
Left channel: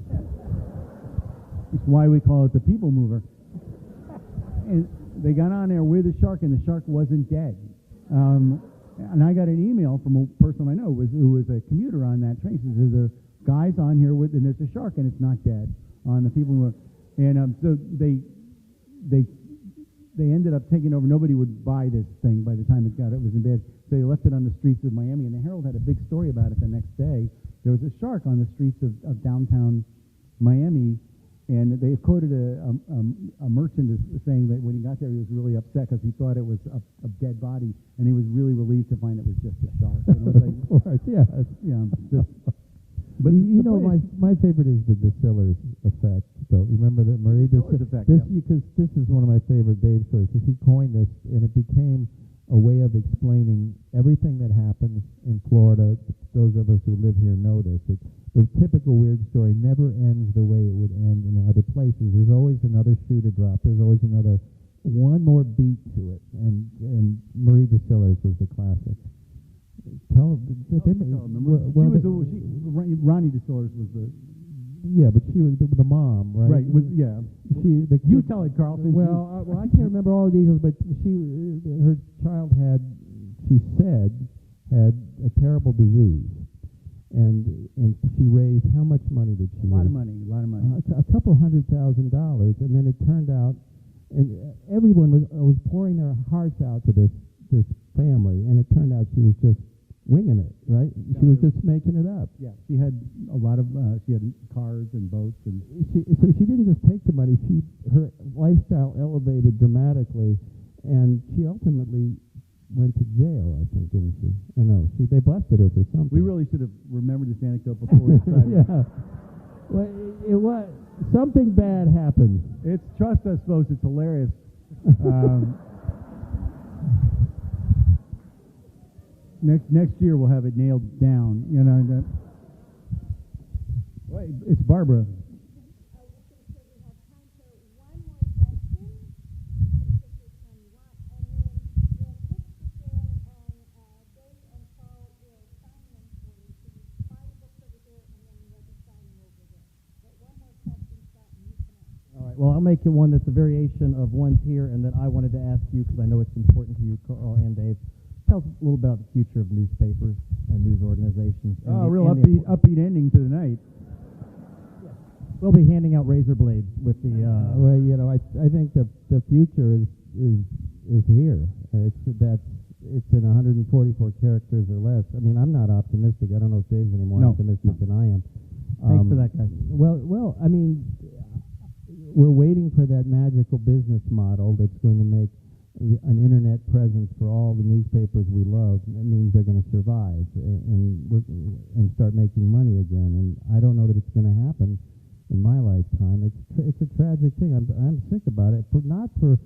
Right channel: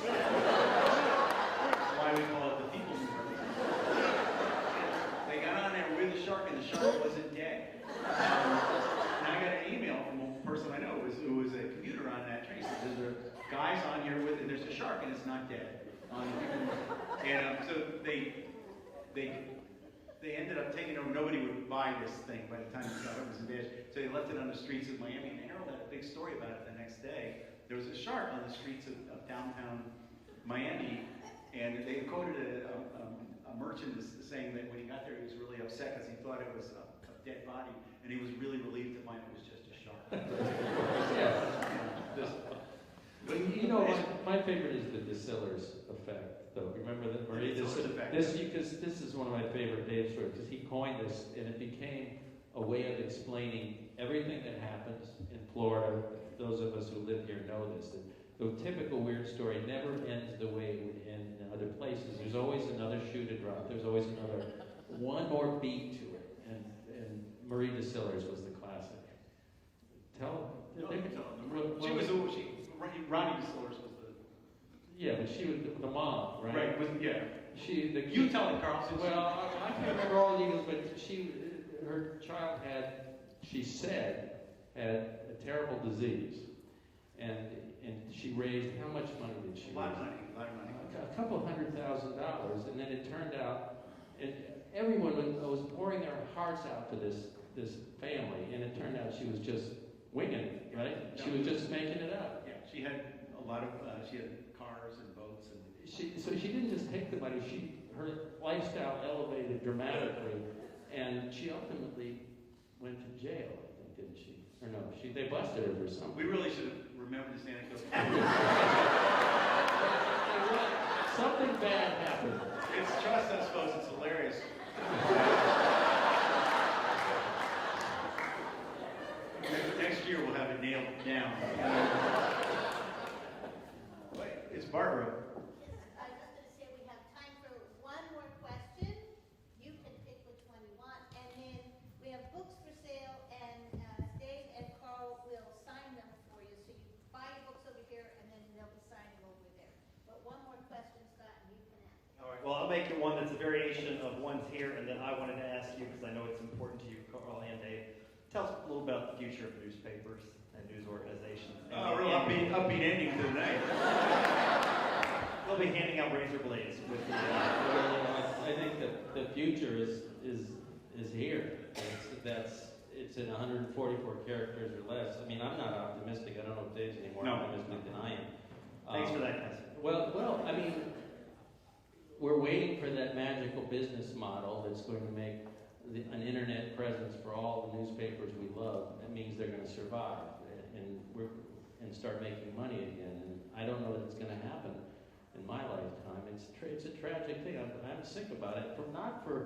why we call it the people mover. And they got on there with the shark, and the shark wasn't dead. And I got an email from a person I know who was a commuter on that train. He says, there's a guys on here and there's a shark, and it's not dead. On the people mover. And so they ended up taking over. Nobody would buy this thing by the time it was in bed. So they left it on the streets of Miami, and the Herald had a big story about it the next day. There was a shark on the streets of downtown Miami, and they quoted a merchant as saying that when he got there, he was really upset because he thought it was a dead body, and he was really relieved to find it was just a shark. But my favorite is the distillers effect. Though. Remember that, Marie? This is one of my favorite Dave stories because he coined this, and it became a way of explaining everything that happens in Florida. Those of us who live here know this. The typical weird story never ends the way it would end in other places. There's always another shoe to drop. There's always one more beat to it. And Marie Distillers was the classic. Ronnie Distillers was the mom, right? Right. Yeah. You tell her, Carl. since Well, I can't remember all the details, but her child she said, had a terrible disease. And she raised, how much money did she a lot raise? of money. A couple $100,000, and then it turned out, and everyone was pouring their hearts out to this family, and it turned out she was just winging it, right? She was just making it up. Yeah. She had a lot of. She had cars and boats and. So she didn't just take the money. Her lifestyle elevated dramatically, and she ultimately went to jail, I think, didn't she? Or no, they busted her for something. We really should have remembered this anecdote before. Well, something bad happened. It's just, I suppose, it's hilarious. Next year we'll have it nailed down. You know, but, it's Barbara. I was just going to say we have time for one more question. You can pick which one you want. And then we have books for sale, and Dave and Carl will sign them for you. So you buy your books over here, and then they'll be signing over there. But one more question, Scott, and you can ask. All right. Well, I'll make it one that's a variation of one's here, and that I wanted to ask you because I know it's important to you, Carl and Dave. Tell us a little about the future of newspapers and news organizations. Oh, real upbeat ending to the night. We'll be handing out razor blades with the. I think that the future is here. It's in 144 characters or less. I mean, I'm not optimistic. I don't know if Dave's any more optimistic than I am. Thanks for that, guys. Well, I mean, we're waiting for that magical business model that's going to make an internet presence for all the newspapers we love. It means they're going to survive and start making money again. And I don't know that it's going to happen in my lifetime. It's a tragic thing. I'm sick about it. Not for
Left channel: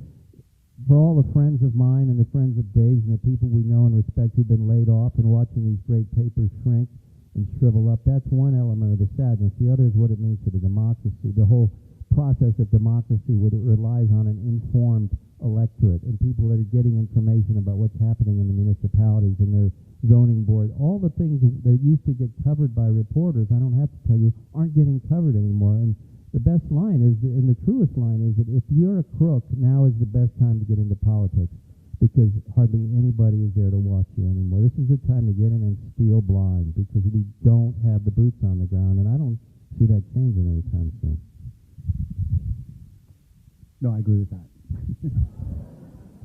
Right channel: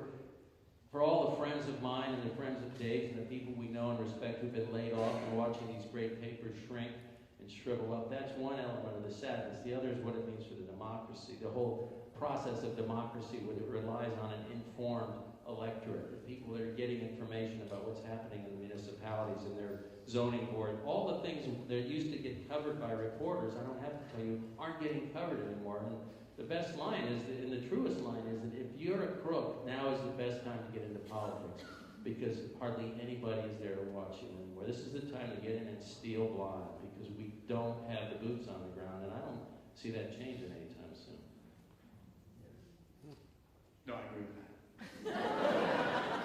all the friends of mine and the friends of Dave's and the people we know and respect who've been laid off and watching these great papers shrink and shrivel up. That's one element of the sadness. The other is what it means for the democracy. The whole process of democracy, where it relies on an informed electorate and people that are getting information about what's happening in the municipalities and their zoning board. All the things that used to get covered by reporters, I don't have to tell you, aren't getting covered anymore. And the best line is, and the truest line is, that if you're a crook, now is the best time to get into politics, because hardly anybody is there to watch you anymore. This is the time to get in and steal blind, because we don't have the boots on the ground, and I don't see that changing anytime soon. No, I agree with that.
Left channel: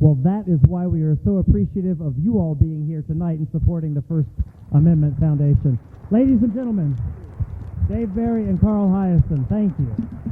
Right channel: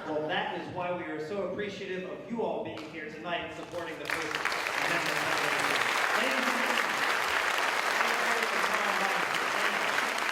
Well, that is why we are so appreciative of you all being here tonight and supporting the First Amendment Foundation. Ladies and gentlemen, Dave Berry and Carl Hiaasen, thank you.